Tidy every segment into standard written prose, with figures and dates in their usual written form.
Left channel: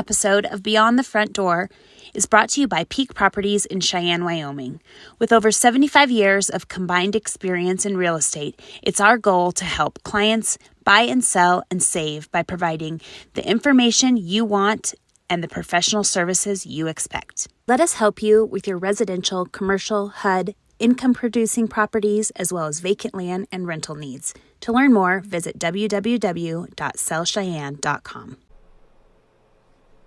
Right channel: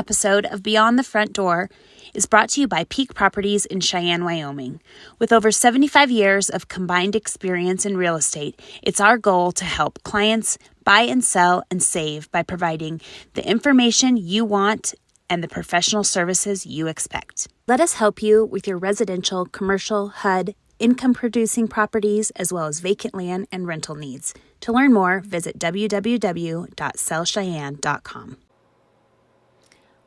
episode of Beyond the Front Door is brought to you by Peak Properties in Cheyenne, Wyoming. With over 75 years of combined experience in real estate, it's our goal to help clients buy and sell and save by providing the information you want and the professional services you expect. Let us help you with your residential, commercial, HUD, income-producing properties, as well as vacant land and rental needs. To learn more, visit www.sellcheyenne.com.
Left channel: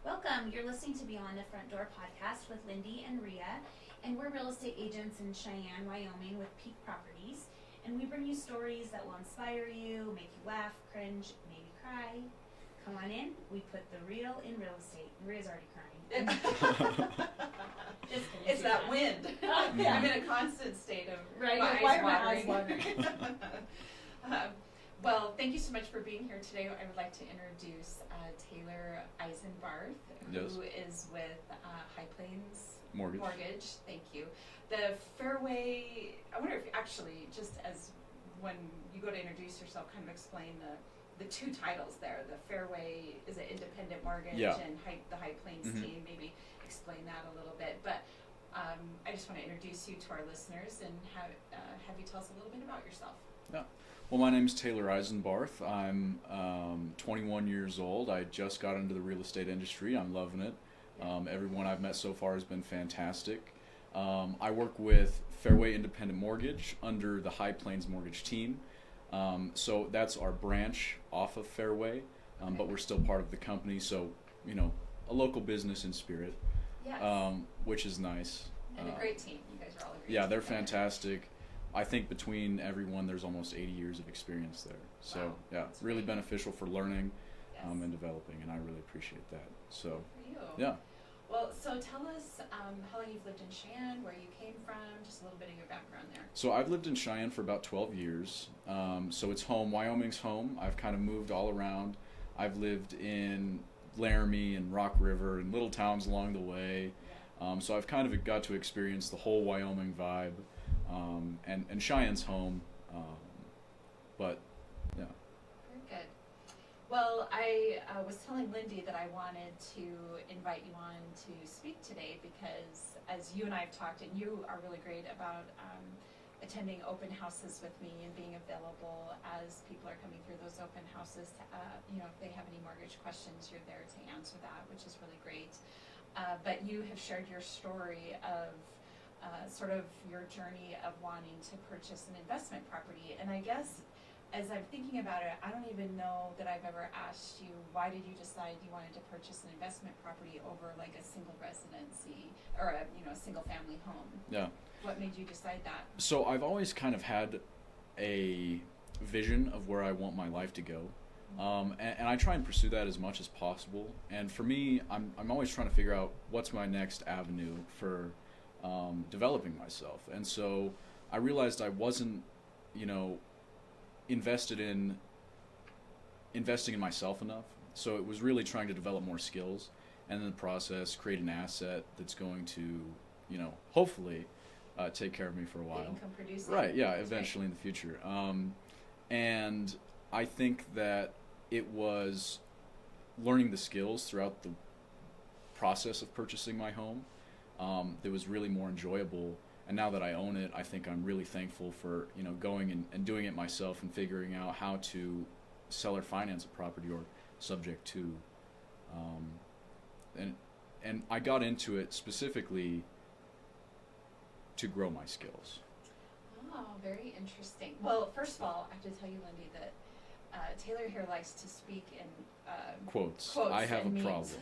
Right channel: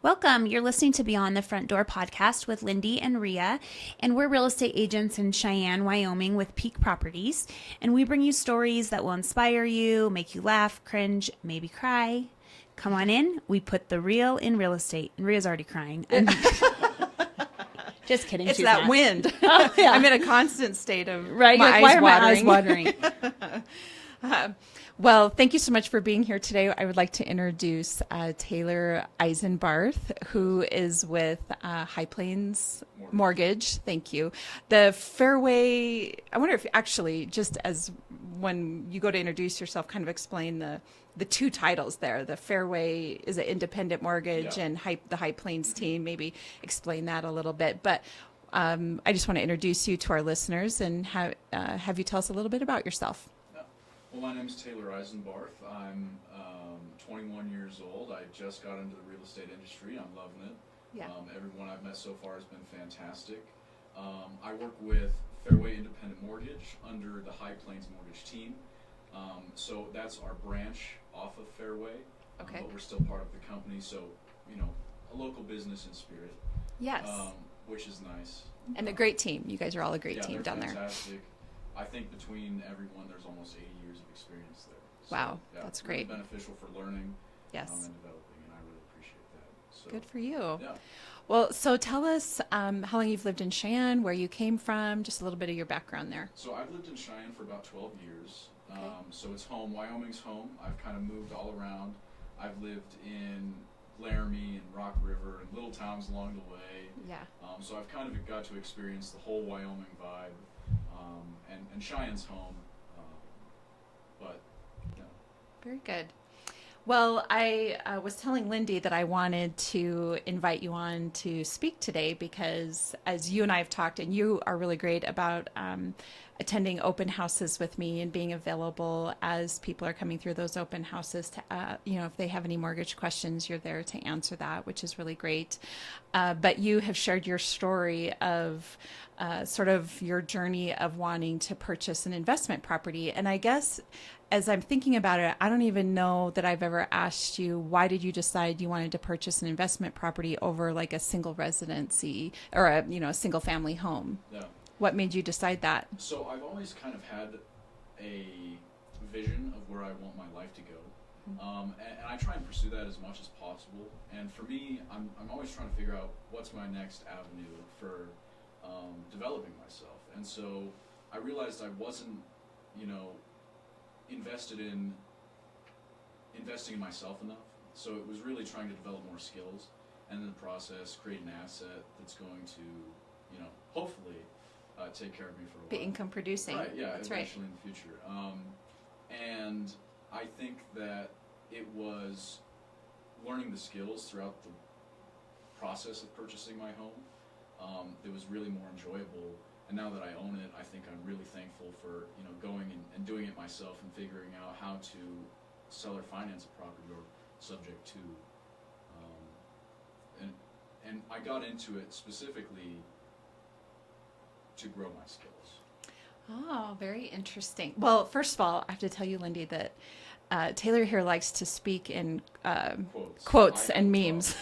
Welcome. You're listening to Beyond the Front Door podcast with Lindy and Rhea, and we're real estate agents in Cheyenne, Wyoming with Peak Properties, and we bring you stories that will inspire you, make you laugh, cringe, maybe cry. Come on in. We put the real in real estate. And Rhea's already crying. Just kidding. It's that not. Wind. Oh, yeah. I'm in a constant state of right. my Why eyes are watering. my eyes watering? Well, thank you so much for being here today. I would like to introduce Taylor Eisenbarth, who is with High Plains Mortgage. Thank you. The Fairway, I wonder if actually, just as when you go to introduce yourself, kind of explain the two titles there. The Fairway is an independent mortgage, and the High Plains team. Maybe explain that a little bit. But I just want to introduce you to our listeners and have you tell us a little bit about yourself. Well, my name is Taylor Eisenbarth. I'm 21 years old. I just got into the real estate industry. I'm loving it. Yeah. Everyone I've met so far has been fantastic. I work with Fairway Independent Mortgage under the High Plains Mortgage team. So that's our branch off of Fairway, but we're still part of the company. So, a local business in spirit. Yes. Which is nice. And a great team. You guys are all a great team down there. Yeah, they're fantastic. I think between everyone, there's almost 80 years of experience there. So, wow, yeah, that's really great. Beneficial for learning and developing, and I really appreciate that. So good for you. Yeah. Well, so tell us how long you've lived in Cheyenne, where you came from, just a little bit of your background there. So I've lived in Cheyenne for about 12 years. So it's home. Wyoming's home. I've kind of moved all around. I've lived in Laramie and Rock River and little towns along the way. Yeah. So I've kind of got to experience the whole Wyoming vibe. And Cheyenne's home, but yeah. Very good. Well, I was telling Lindy that I wanted to invite you on to speak today because as you and I have talked, and you are really great about attending open houses with me and being available as people are coming through those open houses to, if they have any mortgage questions, you're there to answer that, which is really great. But you have shared your story of sort of your journey of wanting to purchase an investment property. And I guess as I'm thinking about it, I don't even know that I've ever asked you, why did you decide you wanted to purchase an investment property over like a single residency or a single family home? Yeah. What made you decide that? So I've always kind of had a vision of where I want my life to go. And I try and pursue that as much as possible. And for me, I'm always trying to figure out what's my next avenue for developing myself. And so I realized I wasn't, investing in myself enough. So it was really trying to develop more skills and in the process create an asset that's going to, hopefully take care of me for a while. Be income producing. Right, yeah, That's eventually in the future. And I think that it was learning the skills throughout the process of purchasing my home that was really more enjoyable. And now that I own it, I think I'm really thankful for going and doing it myself and figuring out how to sell or finance a property or subject to. And I got into it specifically to grow my skills. Oh, very interesting. Well, first of all, I have to tell you, Lindy, that Taylor here likes to speak in quotes and memes.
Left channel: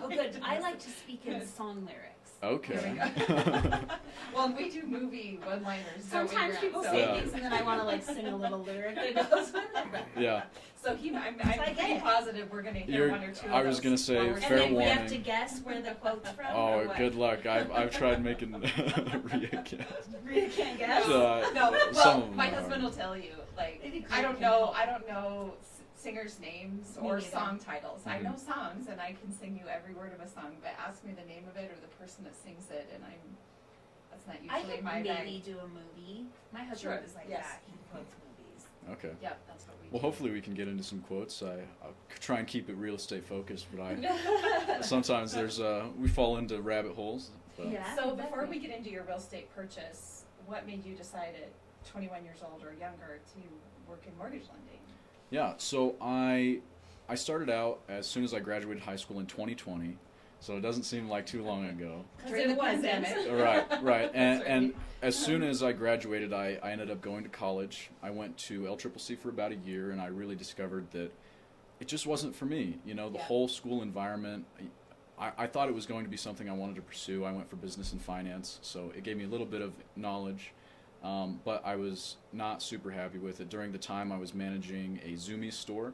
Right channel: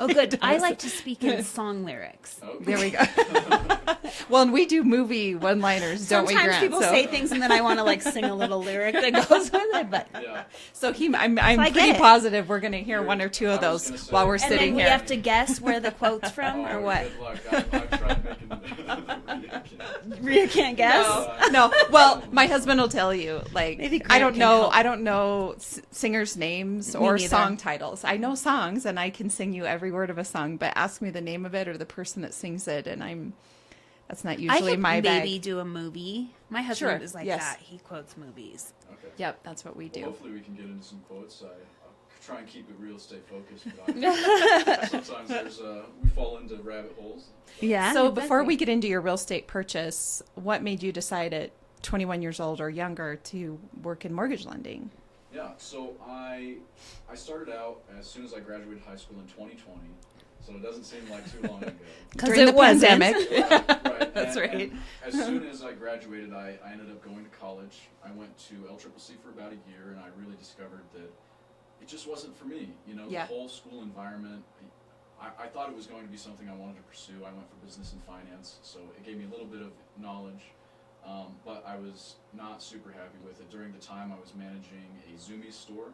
Oh, good. I like to speak in song lyrics. Okay. There we go. Well, and we do movie one-liners, don't we, Grant? Sometimes people say things and then I want to sing a little lyric that goes with it. But yeah. So I'm pretty positive we're going to hear one or two of those while we're sitting here. And then we have to guess where the quote's from or what? Good luck. I've tried making Rhea can't guess? No. Well, my husband will tell you. Like, I don't know singers' names or song titles. I know songs and I can sing you every word of a song, but ask me the name of it or the person that sings it, and I'm That's not I usually could my maybe bag. do a movie. My husband Sure, is like yes. that. He quotes movies. Okay. Yep, that's what we do. Well, hopefully we can get into some quotes. I'll try and keep it real estate focused, but sometimes we fall into rabbit holes. But Yeah. So before we get into your real estate purchase, what made you decide at 21 years old or younger to work in mortgage lending? Yeah, so I started out as soon as I graduated high school in 2020, so it doesn't seem like too long ago. Because During the pandemic. Right. That's right. And as soon as I graduated, I ended up going to college. I went to LCCC for about a year, and I really discovered that it just wasn't for me. You know, the Yeah. whole school environment. I thought it was going to be something I wanted to pursue. I went for business and finance, so it gave me a little bit of knowledge. But I was not super happy with it. During the time, I was managing a Zoomies store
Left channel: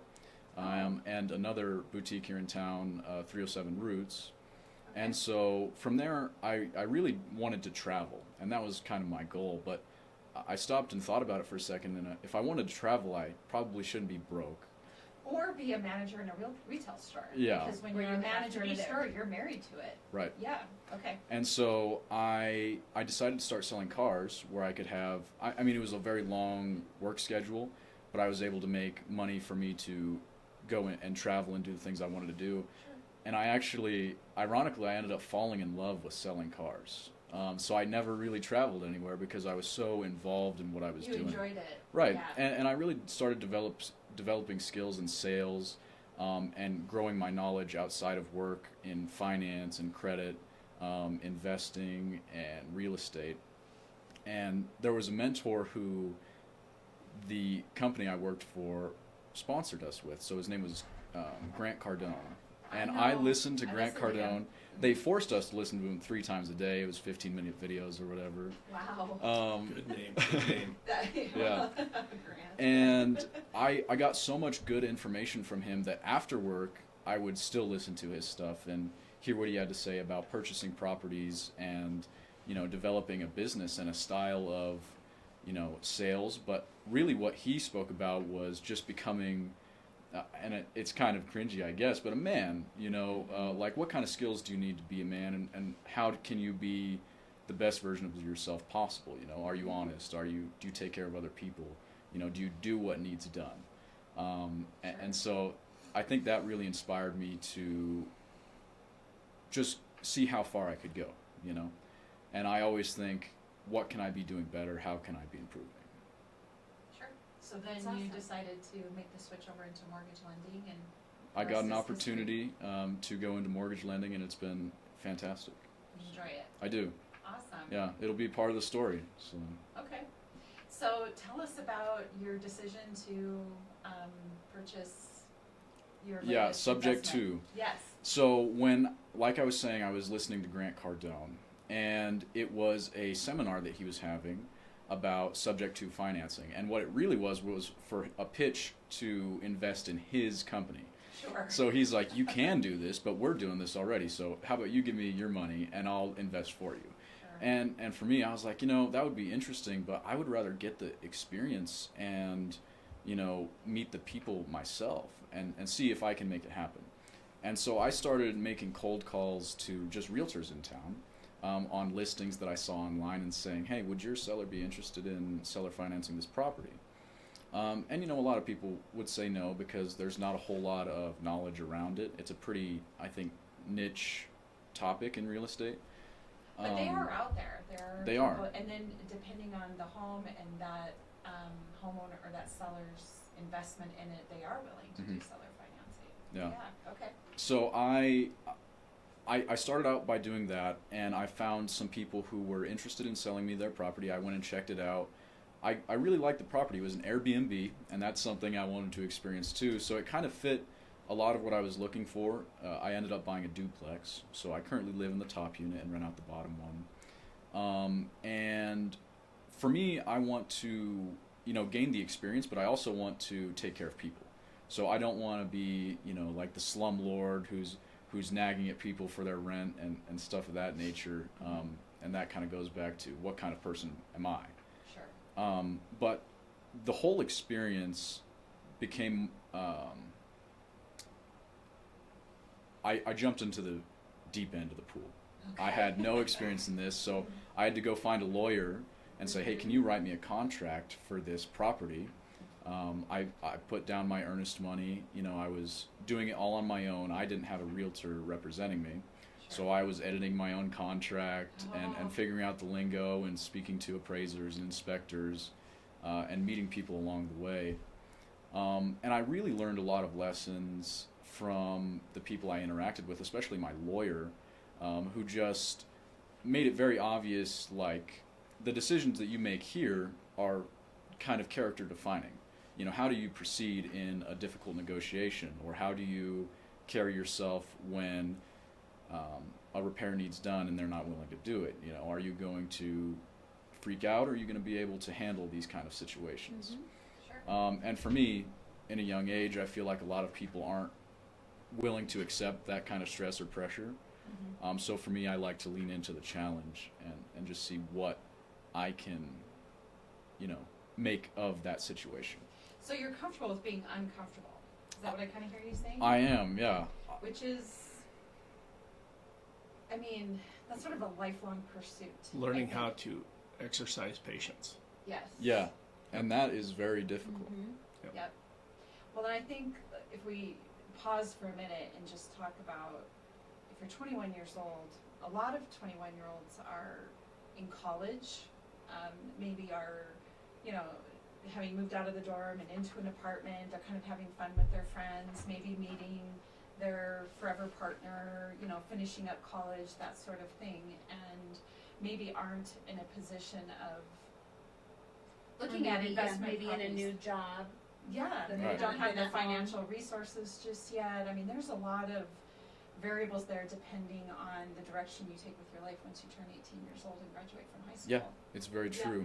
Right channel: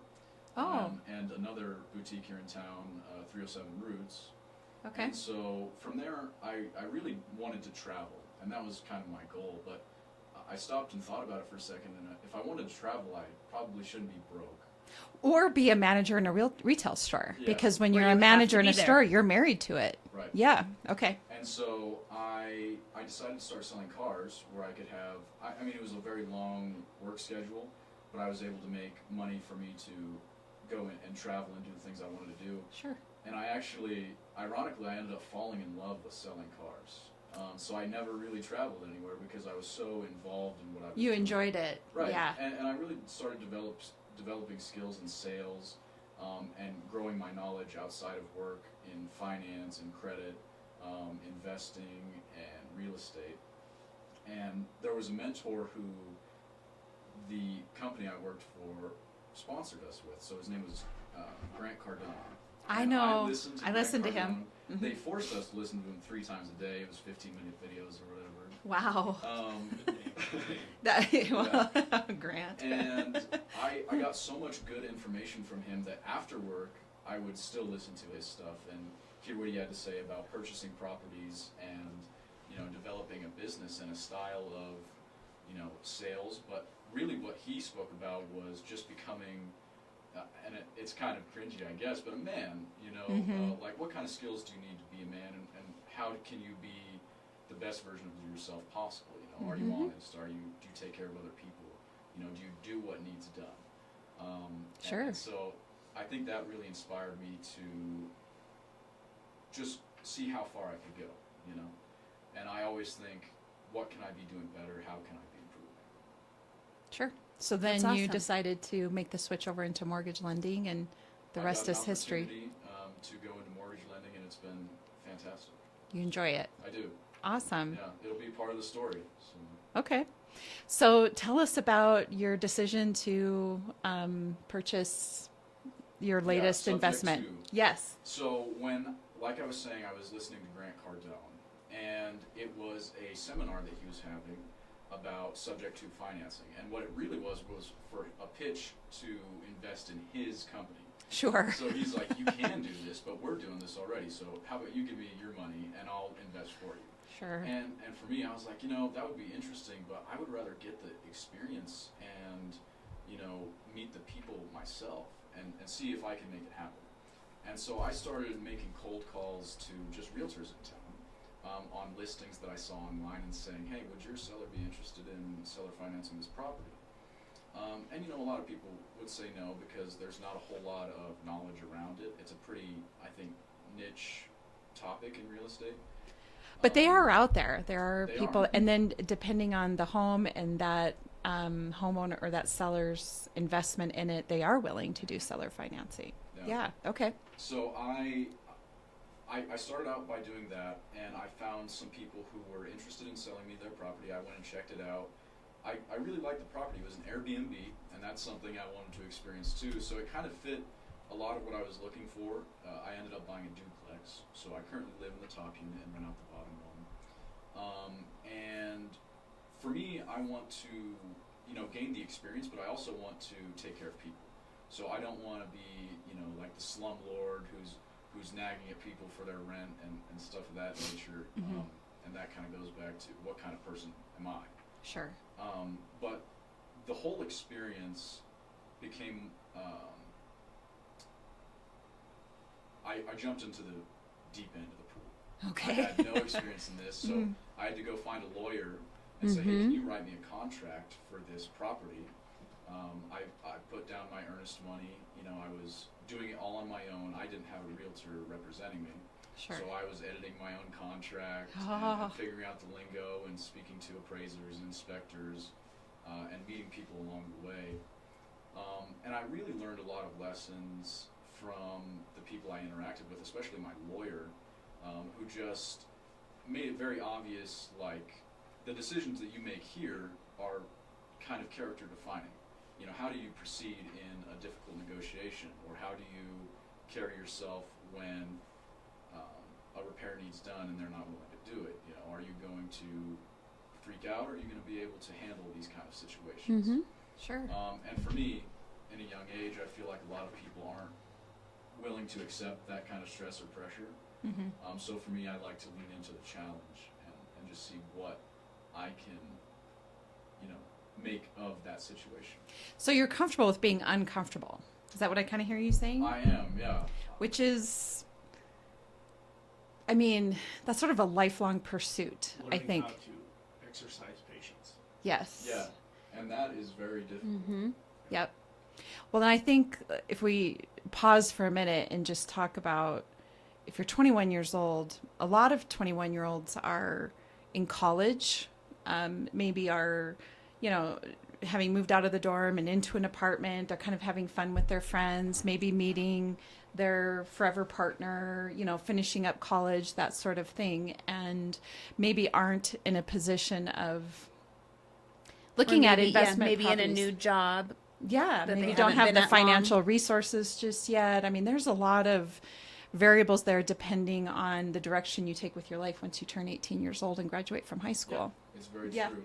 and another boutique here in town, 307 Roots. Okay. And so from there, I really wanted to travel, and that was kind of my goal. But I stopped and thought about it for a second, and if I wanted to travel, I probably shouldn't be broke. Or be a manager in a real retail store. Yeah. Because when Where you're you a have manager to in be a there. store, you're married to it. Right. Yeah. Okay. And so I decided to start selling cars where I could have, I mean, it was a very long work schedule, but I was able to make money for me to go in and travel and do the things I wanted to do. Sure. And I actually, ironically, I ended up falling in love with selling cars. So I never really traveled anywhere because I was so involved in what I was You doing. enjoyed it. Right. Yeah. And I really started developing skills in sales and growing my knowledge outside of work in finance and credit, investing and real estate. And there was a mentor who the company I worked for sponsored us with. So his name was Grant Cardone. I And know. I listened to I Grant listened to Cardone. him. Mhm. They forced us to listen to him 3 times a day. It was 15-minute videos or whatever. Wow. Good name. That, Grant. And I got so much good information from him that after work, I would still listen to his stuff and hear what he had to say about purchasing properties and, you know, developing a business and a style of, you know, sales. But really what he spoke about was just becoming, and it's kind of cringy, I guess, but a man, you know, like what kind of skills do you need to be a man, and how can you be the best version of yourself possible? You know, are you honest? Do you take care of other people? You know, do you do what needs done? Sure. And so I think that really inspired me to just see how far I could go, you know. And I always think, what can I be doing better? How can I be improving? Sure. So then That's you awesome. decided to make the switch over into mortgage lending, and the I rest got an is history. opportunity to go into mortgage lending, and it's been fantastic. You enjoy it. I do. Awesome. Yeah, it'll be part of the story. So. Okay. So tell us about your decision to purchase your latest subject investment. to. Yes. So when, like I was saying, I was listening to Grant Cardone, and it was a seminar that he was having about subject to financing. And what it really was for a pitch to invest in his company. Sure. So he's like, you can do this, but we're doing this already. So how about you give me your money and I'll invest for you. Sure. And for me, I was like, you know, that would be interesting, but I would rather get the experience and, you know, meet the people myself and see if I can make it happen. And so I started making cold calls to just realtors in town on listings that I saw online and saying, hey, would your seller be interested in seller financing this property? And, you know, a lot of people would say no because there's not a whole lot of knowledge around it. It's a pretty, I think, niche topic in real estate. But they are out there. There are They people, are. and then depending on the home and that homeowner or that seller's investment in it, they are willing to do seller financing. Yeah. Okay. So I started out by doing that, and I found some people who were interested in selling me their property. I went and checked it out. I really liked the property. It was an Airbnb, and that's something I wanted to experience too. So it kind of fit a lot of what I was looking for. I ended up buying a duplex, so I currently live in the top unit and rent out the bottom one. And for me, I want to, you know, gain the experience, but I also want to take care of people. So I don't want to be, you know, like the slumlord who's nagging at people for their rent and stuff of that nature. And that kind of goes back to what kind of person am I? Sure. But the whole experience became, I jumped into the deep end of the pool. Okay. I had no experience in this, so I had to go find a lawyer and say, hey, can you write me a contract for this property? I put down my earnest money. You know, I was doing it all on my own. I didn't have a realtor representing me. Sure. So I was editing my own contract and figuring out the lingo and speaking to appraisers and inspectors and meeting people along the way. And I really learned a lot of lessons from the people I interacted with, especially my lawyer, who just made it very obvious, like, the decisions that you make here are kind of character defining. You know, how do you proceed in a difficult negotiation, or how do you carry yourself when a repair needs done and they're not willing to do it? You know, are you going to freak out, or are you going to be able to handle these kind of situations? Sure. And for me, in a young age, I feel like a lot of people aren't willing to accept that kind of stress or pressure. So for me, I like to lean into the challenge and just see what I can, you know, make of that situation. So you're comfortable with being uncomfortable. Is that what I kind of hear you saying? I am, yeah. Which is, I mean, that's sort of a lifelong pursuit, I Learning think. how to exercise patience. Yes. Yeah, and that is very difficult. Yep. Well, then I think if we pause for a minute and just talk about, if you're 21 years old, a lot of 21-year-olds are in college, maybe are, you know, having moved out of the dorm and into an apartment, are kind of having fun with their friends, maybe meeting their forever partner, you know, finishing up college, that sort of thing, and maybe aren't in a position of looking at investment maybe in a properties. new job. Yeah, that maybe they don't haven't have been the that long. financial resources just yet. I mean, there's a lot of variables there depending on the direction you take with your life once you turn 18 years old and graduate from high school. Yeah, it's very true.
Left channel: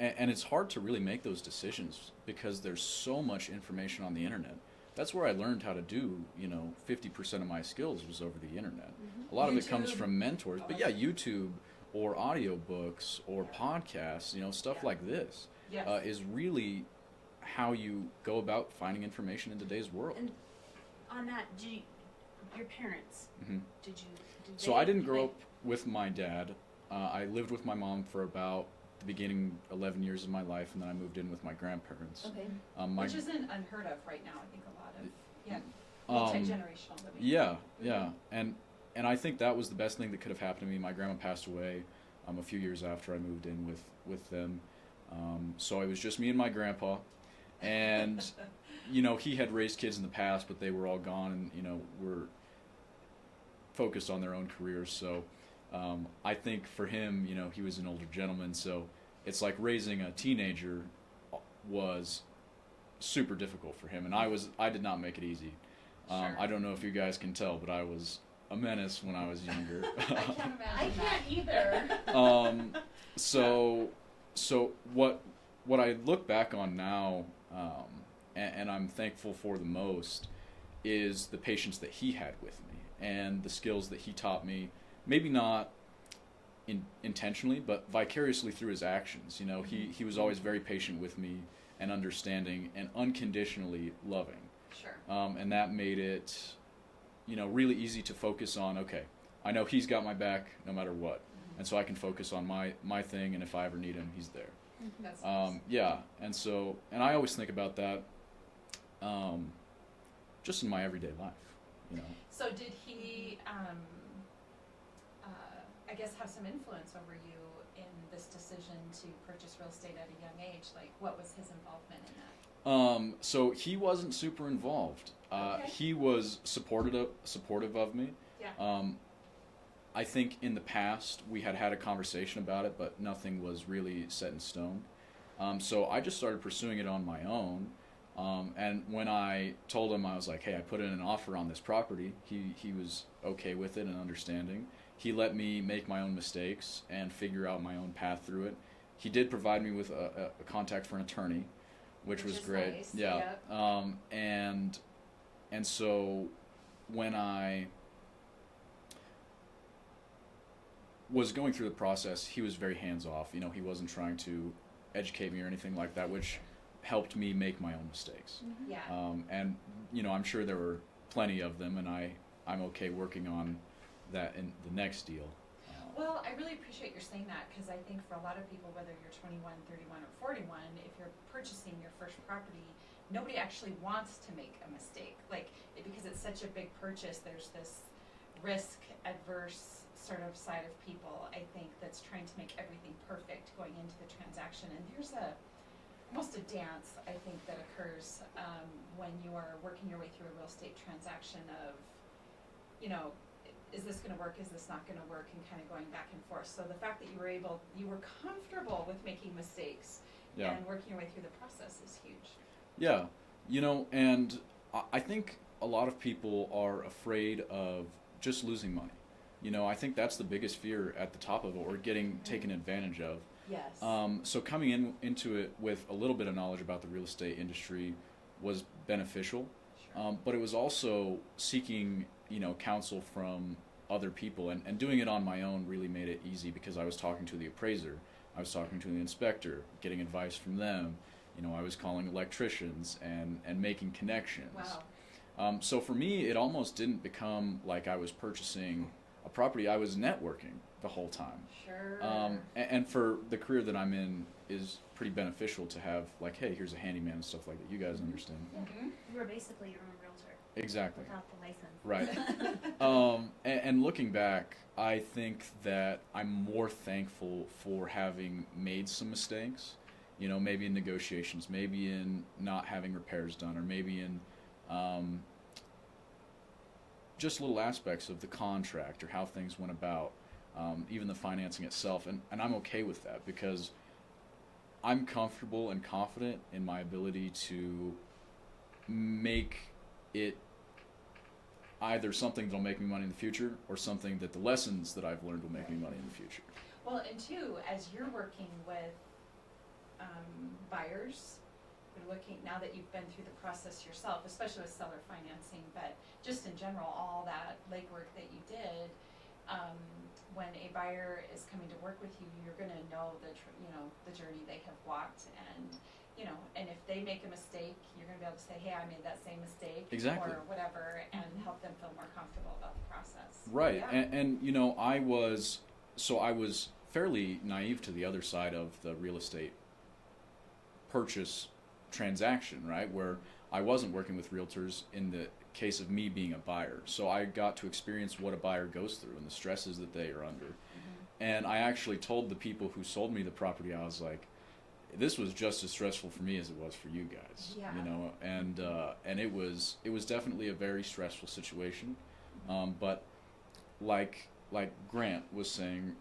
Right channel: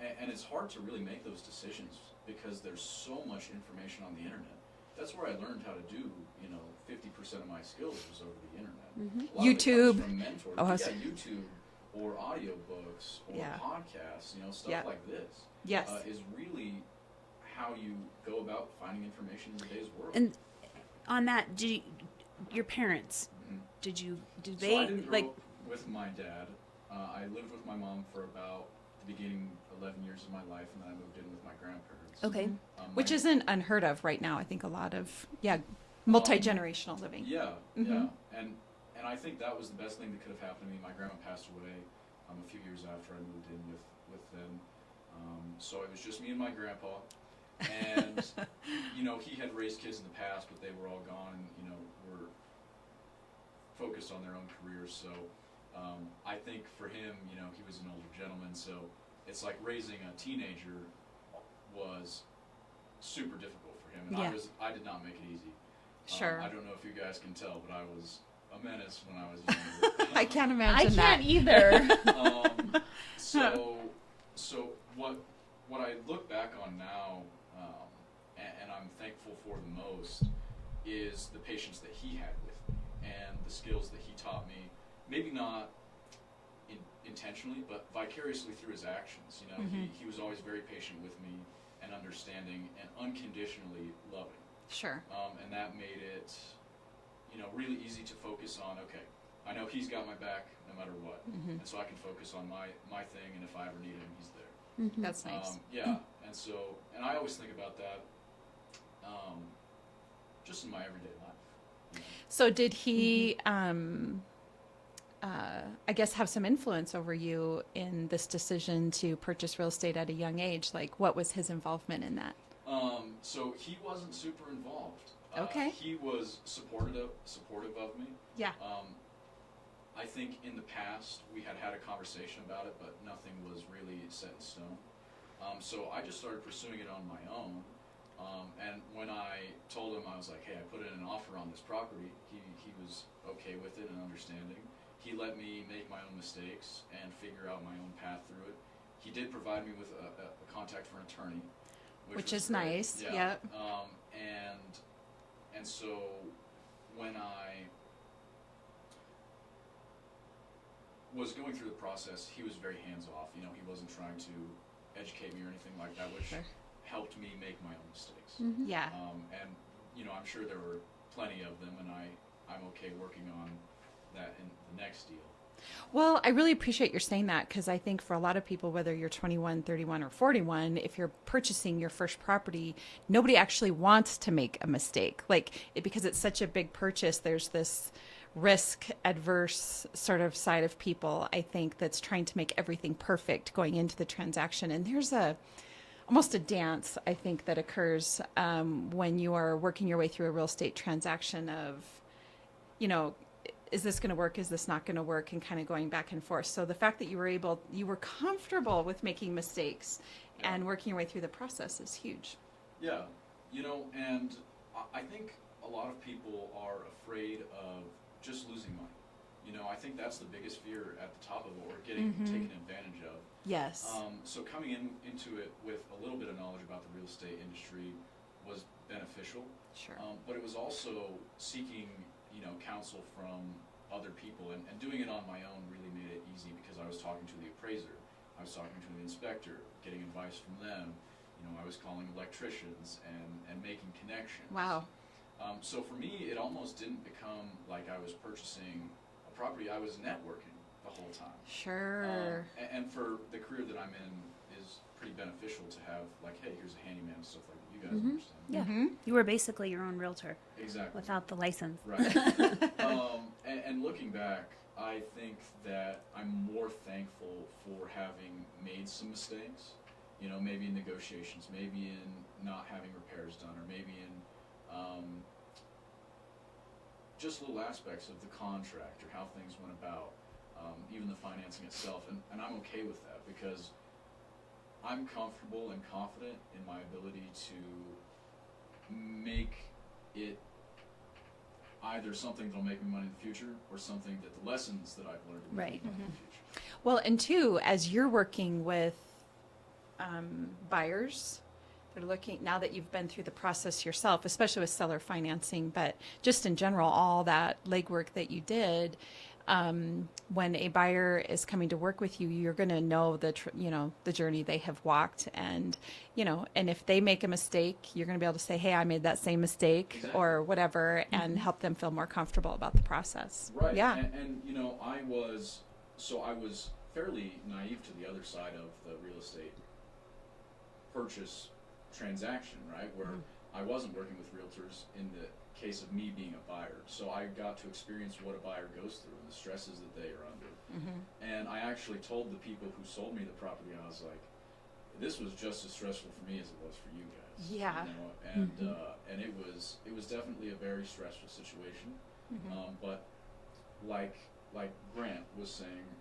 And it's hard to really make those decisions because there's so much information on the internet. That's where I learned how to do, you know, 50% of my skills was over the internet. A lot of it YouTube. comes from mentors. Oh, But yeah, YouTube or audiobooks or podcasts, you know, stuff like this Yes. is really how you go about finding information in today's world. And on that, your parents, did they? So I didn't grow up with my dad. I lived with my mom for about the beginning 11 years of my life, and then I moved in with my grandparents. Okay. Which isn't unheard of right now. I think a lot of, multi-generational living. Yeah, yeah. And I think that was the best thing that could have happened to me. My grandma passed away a few years after I moved in with them. So it was just me and my grandpa. And, you know, he had raised kids in the past, but they were all gone and, you know, were focused on their own careers. So I think for him, you know, he was an older gentleman. So it's like raising a teenager was super difficult for him. And I did not make it easy. Sure. I don't know if you guys can tell, but I was a menace when I was younger. I can't imagine I that. can't either. So what I look back on now, and I'm thankful for the most, is the patience that he had with me and the skills that he taught me. Maybe not intentionally, but vicariously through his actions. You know, he was always very patient with me and understanding and unconditionally loving. Sure. And that made it, you know, really easy to focus on, okay, I know he's got my back no matter what. And so I can focus on my thing, and if I ever need him, he's there. That's nice. Yeah, and I always think about that just in my everyday life. You know? So did he, I guess, have some influence over you in this decision to purchase real estate at a young age? Like, what was his involvement in that? So he wasn't super involved. Okay. He was supportive of me. Yeah. I think in the past we had a conversation about it, but nothing was really set in stone. So I just started pursuing it on my own. And when I told him, I was like, hey, I put in an offer on this property, he was okay with it and understanding. He let me make my own mistakes and figure out my own path through it. He did provide me with a contact for an attorney, which was is great. nice. Yeah. Yep. And so when I was going through the process, he was very hands-off. You know, he wasn't trying to educate me or anything like that, which helped me make my own mistakes. Yeah. And, you know, I'm sure there were plenty of them, and I'm okay working on that in the next deal. Well, I really appreciate your saying that, because I think for a lot of people, whether you're 21, 31, or 41, if you're purchasing your first property, nobody actually wants to make a mistake. Because it's such a big purchase, there's this risk adverse sort of side of people, I think, that's trying to make everything perfect going into the transaction. And there's almost a dance, I think, that occurs when you are working your way through a real estate transaction of, is this going to work? Is this not going to work? And kind of going back and forth. So the fact that you were comfortable with making mistakes and working your way through the process is huge. Yeah, and I think a lot of people are afraid of just losing money. I think that's the biggest fear at the top of it, or getting taken advantage of. Yes. So coming into it with a little bit of knowledge about the real estate industry was beneficial. Sure. But it was also seeking, counsel from other people, and doing it on my own really made it easy, because I was talking to the appraiser, I was talking to the inspector, getting advice from them. I was calling electricians and making connections. Wow. So for me, it almost didn't become like I was purchasing a property. I was networking the whole time. Sure. And for the career that I'm in is pretty beneficial to have, hey, here's a handyman and stuff like that. You guys understand. Yeah. You were basically your own realtor. Exactly. Without the license. Right. And looking back, I think that I'm more thankful for having made some mistakes, maybe in negotiations, maybe in not having repairs done, or maybe in just little aspects of the contract or how things went about, even the financing itself. And I'm okay with that, because I'm comfortable and confident in my ability to make it either something that'll make me money in the future, or something that the lessons that I've learned will make me money in the future. Well, and two, as you're working with buyers, they're looking, now that you've been through the process yourself, especially with seller financing, but just in general, all that legwork that you did, when a buyer is coming to work with you, you're going to know the journey they have walked, and and if they make a mistake, you're going to be able to say, hey, I made that same mistake. Exactly. Or whatever, and help them feel more comfortable about the process. Right. Yeah. And I was fairly naive to the other side of the real estate purchase transaction, right? Where I wasn't working with realtors in the case of me being a buyer. So I got to experience what a buyer goes through and the stresses that they are under. And I actually told the people who sold me the property, I was like, this was just as stressful for me as it was for you guys. Yeah. And it was definitely a very stressful situation. But like Grant was saying,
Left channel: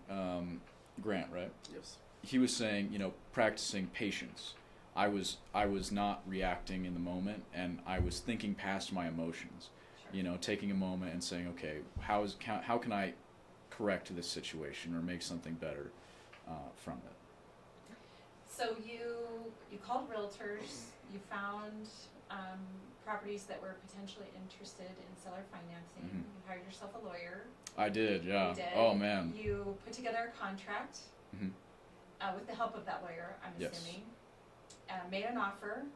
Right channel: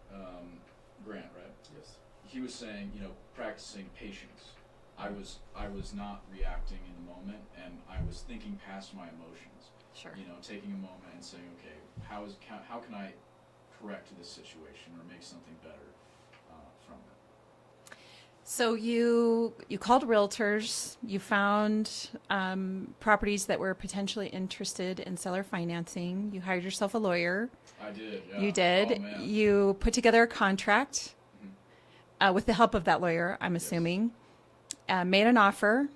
Grant, right? Yes. He was saying, practicing patience. I was not reacting in the moment, and I was thinking past my emotions. Sure. Taking a moment and saying, okay, how can I correct this situation or make something better from it? So you called realtors, you found properties that were potentially interested in seller financing. You hired yourself a lawyer. I did, yeah. You did. Oh, man. You put together a contract with the help of that lawyer, I'm assuming. Made an offer.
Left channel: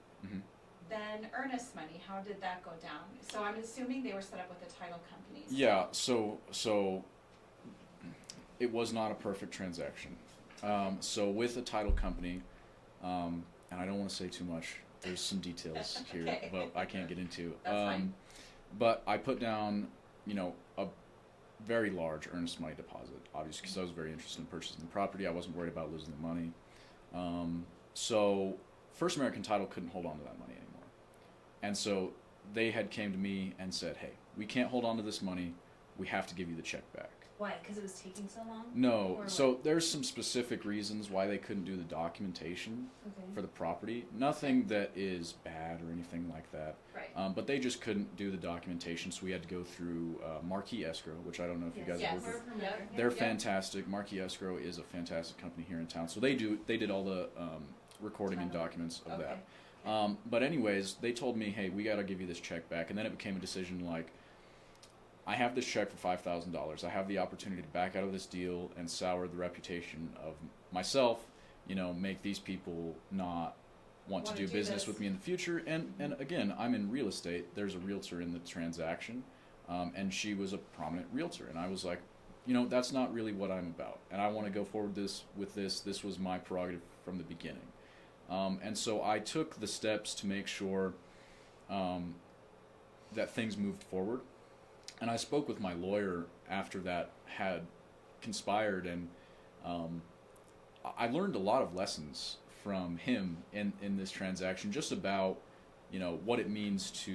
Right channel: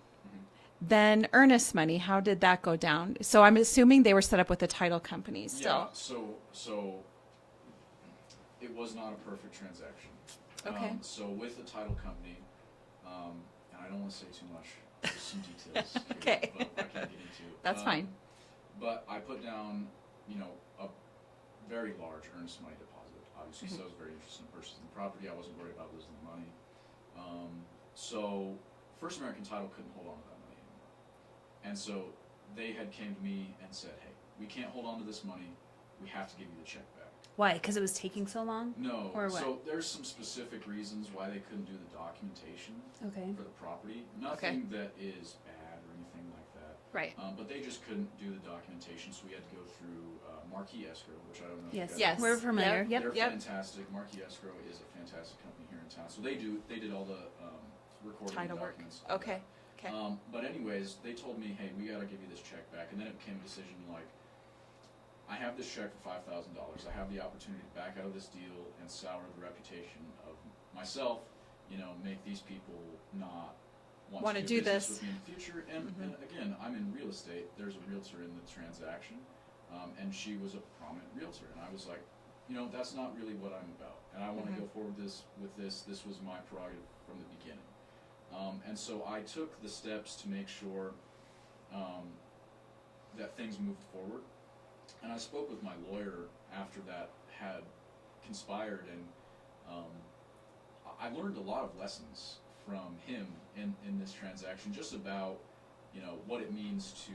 Then earnest money, how did that go down? So I'm assuming they were set up with the title companies. Yeah, so it was not a perfect transaction. Okay. So with a title company, and I don't want to say too much, there's some details here, Okay. but I can't get into. That's fine. But I put down, a very large earnest money deposit, obviously, because I was very interested in purchasing the property. I wasn't worried about losing the money. So First American Title couldn't hold on to that money anymore. And so they had came to me and said, hey, we can't hold on to this money. We have to give you the check back. Why? Because it was taking so long? No. Or So what? there's some specific reasons why they couldn't do the documentation Okay. for the property. Nothing that is bad or anything like that. Right. But they just couldn't do the documentation, so we had to go through Marquee Escrow, which I don't know if you guys Yes. have We're familiar. Yep. They're fantastic. Marquee Escrow is a fantastic company here in town. So they did all the recording and Title work. documents of Okay. that. Okay. But anyways, they told me, hey, we got to give you this check back. And then it became a decision like, I have this check for $5,000. I have the opportunity to back out of this deal and sour the reputation of myself, make these people not want to do business this. with me in the future. And again, I'm in real estate. There's a realtor in the transaction. and she was a prominent realtor, and I was like, that's not really what I'm about, and I want to go forward with this. This was my prerogative from the beginning, and so I took the steps to make sure that things moved forward. And I spoke with my lawyer after that had conspired, and I learned a lot of lessons from him in this transaction, just about what it means to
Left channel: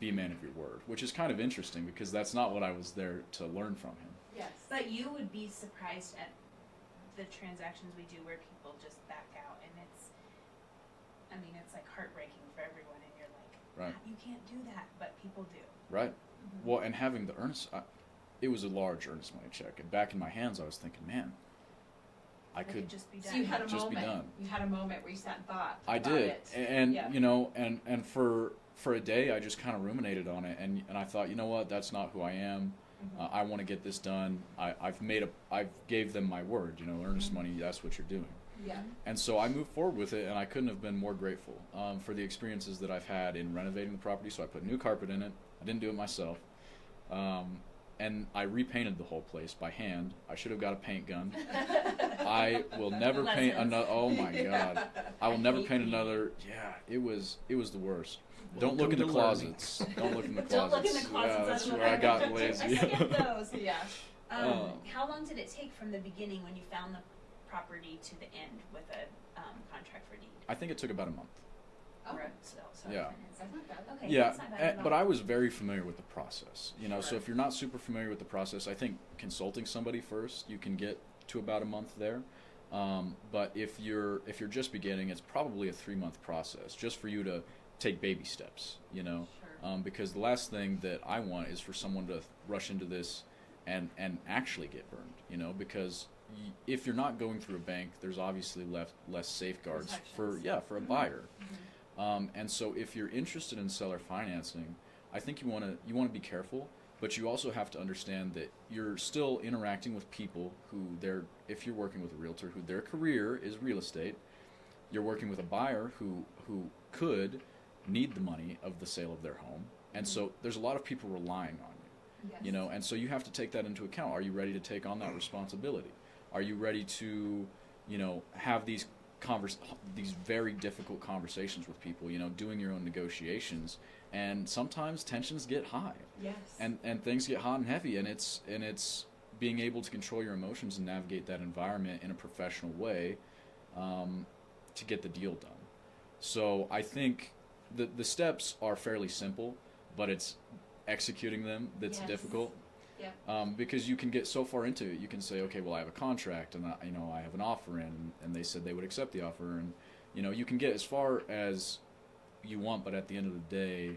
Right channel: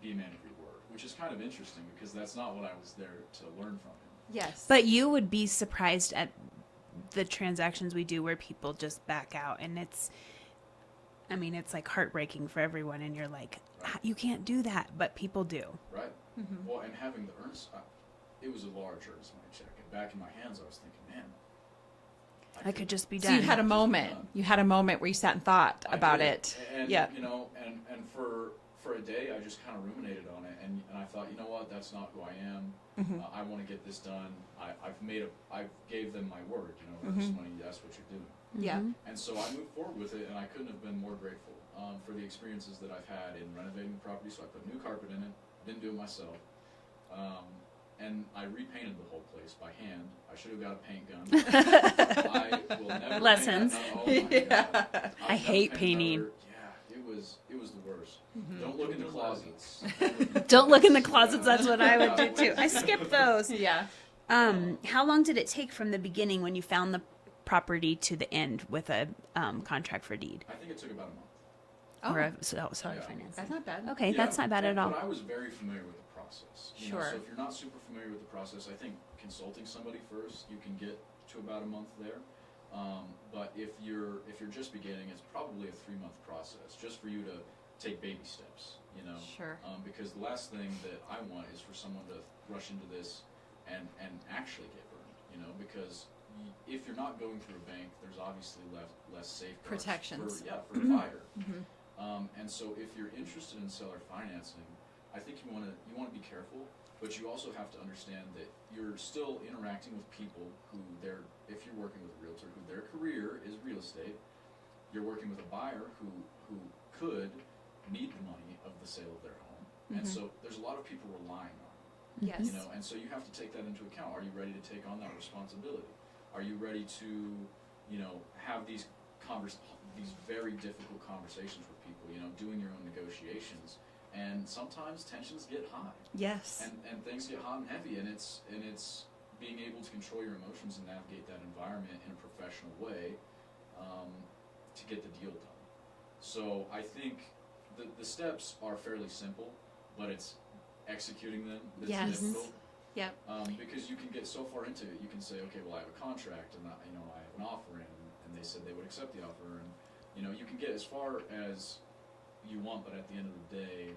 be a man of your word, which is kind of interesting because that's not what I was there to learn from him. Yes. But you would be surprised at the transactions we do where people just back out, and it's like heartbreaking for everyone, and you're like, Right. You can't do that, but people do. Right. Well, and having the earnest, it was a large earnest money check, and back in my hands, I was thinking, man, I could just be So done. you had a Just be moment. done. You had a moment where you sat and thought I about did. it. And Yeah. and for a day, I just kind of ruminated on it, and I thought, you know what, that's not who I am. I want to get this done. I've gave them my word. Earnest money. That's what you're doing. Yeah. And so I moved forward with it, and I couldn't have been more grateful for the experiences that I've had in renovating the property. So I put new carpet in it. I didn't do it myself. And I repainted the whole place by hand. I should have got a paint gun. I will never paint Lessons. another. Oh my God! I will I never hate paint painting. another. Yeah, it was the worst. Don't look in the Don't learn. closets. Don't look in the closets. closets. That's what where I would got do too. lazy. I skipped those. Yeah. How long did it take from the beginning when you found the property to the end with a contract for deed I think it took about a month. Oh, or a seller Yeah. financing? that's not bad. Okay, Yeah, that's not bad at all. But I was very familiar with the process. So Sure. if you're not super familiar with the process, I think consulting somebody first, you can get to about a month there. But if you're just beginning, it's probably a 3-month process, just for you to take baby steps. Sure. Because the last thing that I want is for someone to rush into this and actually get burned. Because if you're not going through a bank, there's obviously less safeguards Protections. for a buyer. And so if you're interested in seller financing, I think you want to be careful, but you also have to understand that you're still interacting with people who if you're working with a realtor who their career is real estate, you're working with a buyer who could need the money of the sale of their home. And so there's a lot of people relying on you. Yes. And so you have to take that into account. Are you ready to take on that responsibility? Are you ready to, have these very difficult conversations with people, doing your own negotiations, and sometimes tensions get high. Yes. And things get hot and heavy, and it's being able to control your emotions and navigate that environment in a professional way to get the deal done. So I think the steps are fairly simple, but it's executing them that's Yes. difficult. Yeah. Because you can get so far into it, you can say, okay, well, I have a contract, and I have an offer in, and they said they would accept the offer, and you can get as far as you want, but at the end of the day,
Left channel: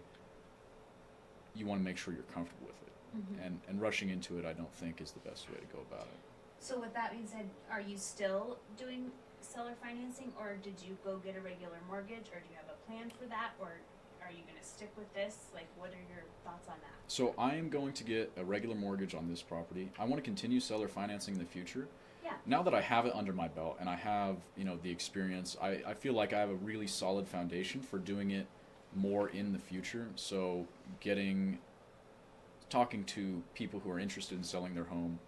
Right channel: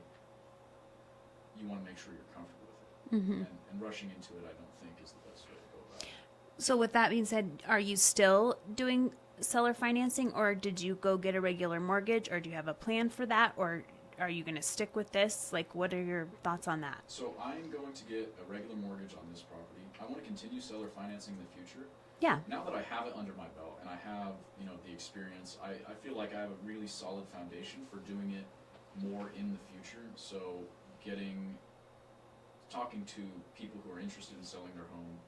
you want to make sure you're comfortable with it. And rushing into it, I don't think, is the best way to go about it. So with that being said, are you still doing seller financing, or did you go get a regular mortgage, or do you have a plan for that, or are you going to stick with this? Like, what are your thoughts on that? So I am going to get a regular mortgage on this property. I want to continue seller financing in the future. Yeah. Now that I have it under my belt and I have, the experience, I feel like I have a really solid foundation for doing it more in the future. So talking to people who are interested in selling their home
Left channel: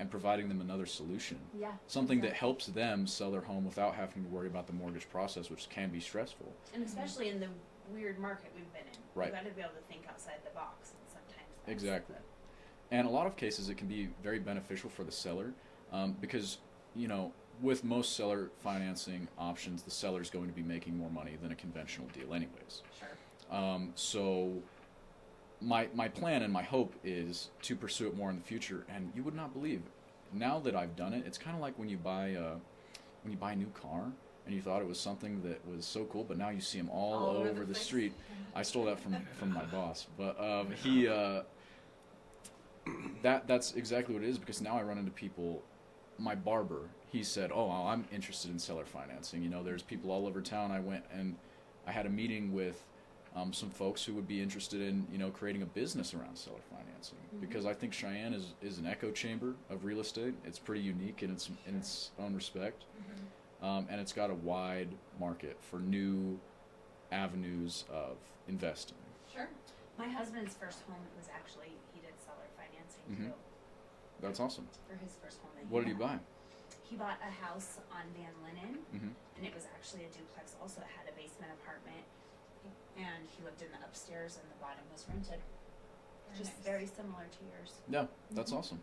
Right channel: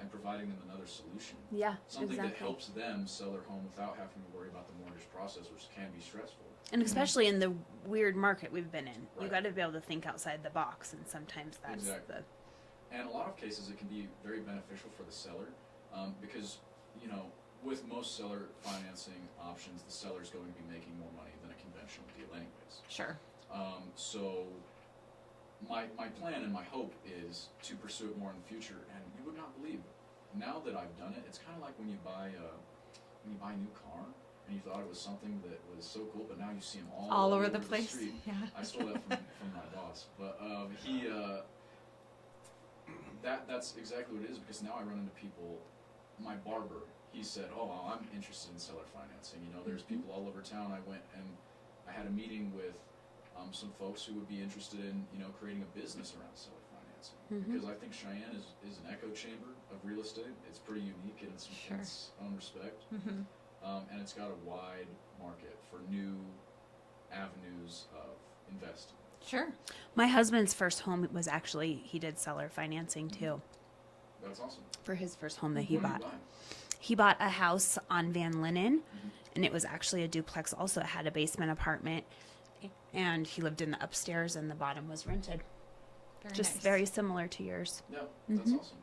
and providing them another solution. Yeah. Something that helps them sell their home without having to worry about the mortgage process, which can be stressful. And especially in the weird market we've been in. Right. You've got to be able to think outside the box, and sometimes that's Exactly. And a lot of cases, it can be very beneficial for the seller because, with most seller financing options, the seller is going to be making more money than a conventional deal anyways. Sure. So my plan and my hope is to pursue it more in the future. And you would not believe, now that I've done it, it's kind of like when you buy a new car and you thought it was something that was so cool, but now you see them all over the place. street. Yeah. I stole that from my boss, but that's exactly what it is, because now I run into people. My barber, he said, "Oh, I'm interested in seller financing. There's people all over town." I went and I had a meeting with some folks who would be interested in creating a business around seller financing, because I think Cheyenne is an echo chamber of real estate. It's pretty unique in its own respect, and it's got a wide market for new avenues of investing. Sure. My husband's first home was actually, he did seller financing too That's awesome. for his first home that he What bought. did you buy? He bought a house on Van Linen, and it was actually a duplex. Also, it had a basement apartment, and he lived in the upstairs, and the bottom was rented. Just nice. very similar to yours. Yeah, that's awesome.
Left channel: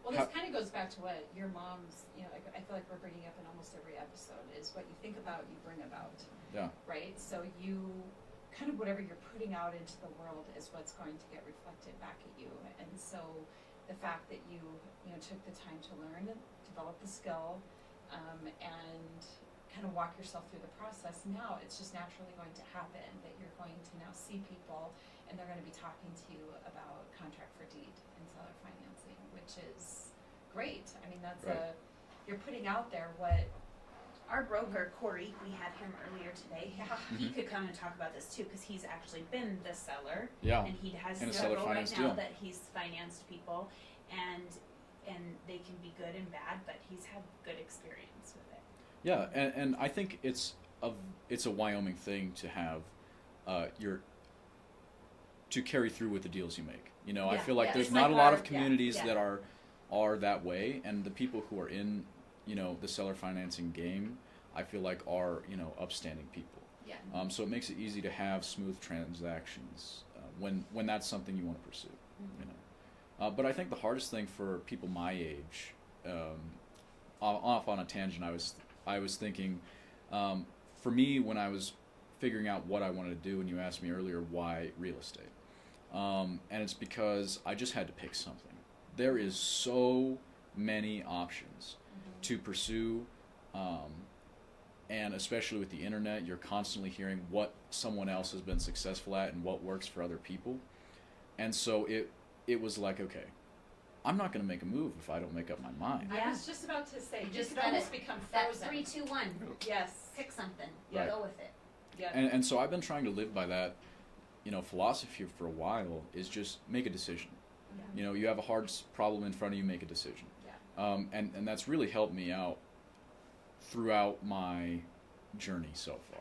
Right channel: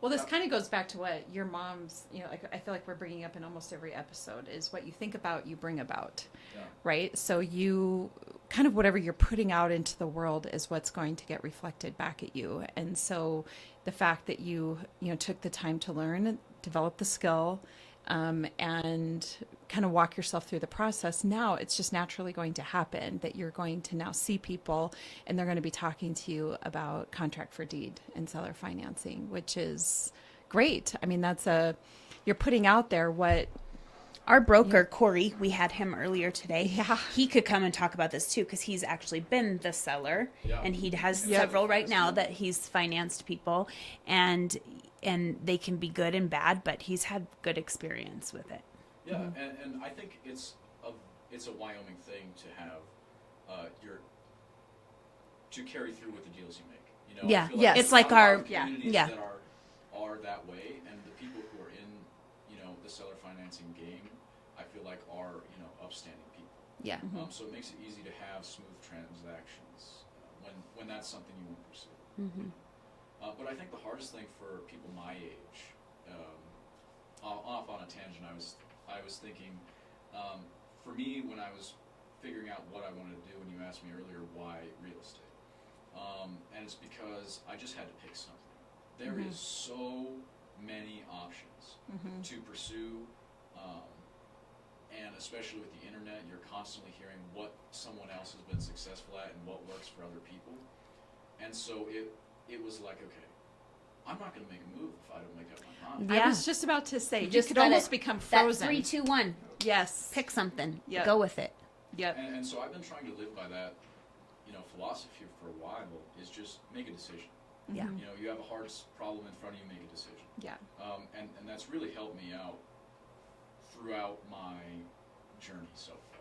Well, this How- kind of goes back to what your mom's, like I feel like we're bringing up in almost every episode is what you think about, you bring about, Yeah. right? So you kind of whatever you're putting out into the world is what's going to get reflected back at you. And so the fact that you took the time to learn, develop the skill, and kind of walk yourself through the process, now it's just naturally going to happen that you're going to now see people and they're going to be talking to you about contract for deed and seller financing, which is great. I mean, you're putting out there what Our broker, Corey, we had him earlier today. Yeah. He could come and talk about this too, because he's actually been the seller. Yeah. And he has And several seller right finance, now yeah. that he's financed people. And they can be good and bad, but he's had good experience with it. Yeah, and I think it's a Wyoming thing to have to carry through with the deals you make. You know, Yeah, I feel like yes. there's It's like not a lot our- of communities yeah. that are that way, and the people who are in the seller financing game, I feel like are upstanding people. Yeah. So it makes it easy to have smooth transactions when that's something you want to pursue. But I think the hardest thing for people my age, off on a tangent, I was thinking, for me when I was figuring out what I wanted to do, and you asked me earlier why real estate, and it's because I just had to pick something. There is so many options to pursue. And especially with the internet, you're constantly hearing what someone else has been successful at and what works for other people. And so it was like, okay, I'm not going to make a move if I don't make up my mind. Yeah. I was just about to say, you just could let almost it- become That frozen. 3, 2, 1. Yes. Pick something. Yeah. Go with it. Yeah. And so I've been trying to live by that, philosophy for a while, is just make a decision. Yeah. You have a hard problem in front of you, make a decision. Yeah. And that's really helped me out throughout my journey so far.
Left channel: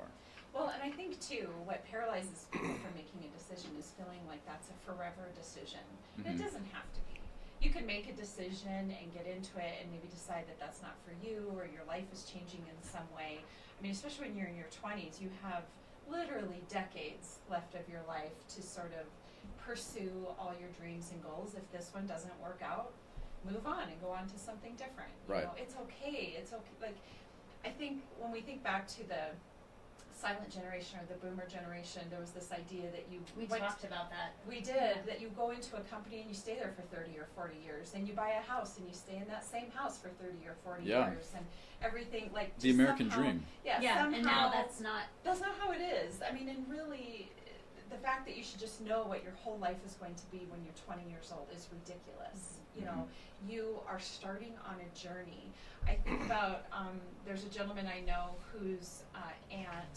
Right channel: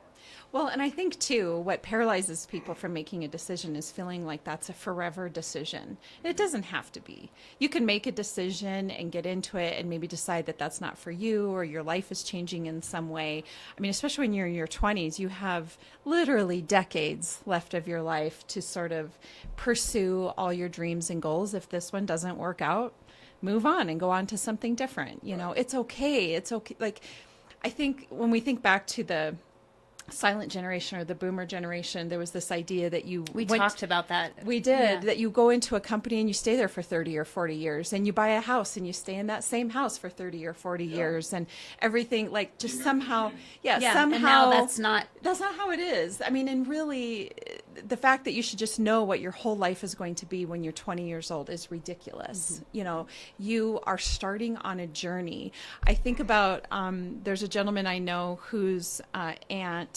Well, and I think too, what paralyzes people from making a decision is feeling like that's a forever decision. It doesn't have to be. You can make a decision and get into it and maybe decide that that's not for you, or your life is changing in some way. I mean, especially when you're in your 20s, you have literally decades left of your life to sort of pursue all your dreams and goals. If this one doesn't work out, move on and go on to something different. You know, it's okay. It's okay. Like, I think when we think back to the silent generation or the boomer generation, there was this idea that We talked about that. we did Yeah. that you go into a company and you stay there for 30 or 40 years, and you buy a house and you stay in that same house for 30 or 40 Yeah. years, and everything, like, The just American somehow dream. Yeah, somehow and now that's not. how it is. I mean, and really, the fact that you should just know what your whole life is going to be when you're 20 years old is ridiculous. You know, you are starting on a journey. I think about, there's a gentleman I know whose aunt,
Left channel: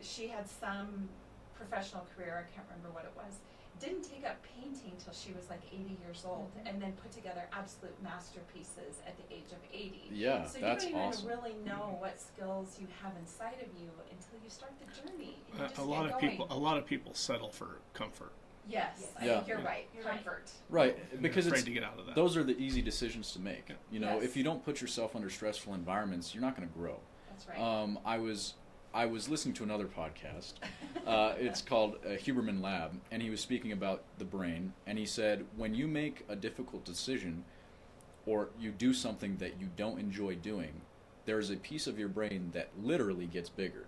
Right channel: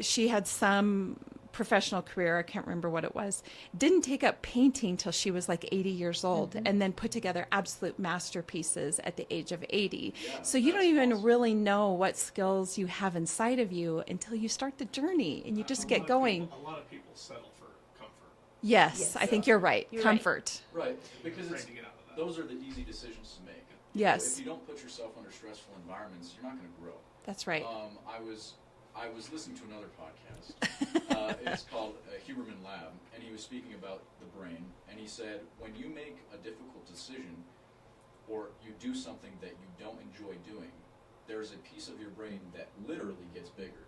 she had some professional career, I can't remember what it was, didn't take up painting till she was like 80 years old, and then put together absolute masterpieces at the age of 80. Yeah, So you don't that's even awesome. really know what skills you have inside of you until you start the journey and you just A get lot of going. people- a lot of people settle for comfort. Yes, I think Yeah. you're right. You're right. Comfort. Right, because Afraid it's to get out of that. those are the easy decisions to make. Yes. If you don't put yourself under stressful environments, you're not going to grow. That's right. I was listening to another podcast. It's called Huberman Lab, and he was speaking about the brain, and he said when you make a difficult decision or you do something that you don't enjoy doing, there is a piece of your brain that literally gets bigger.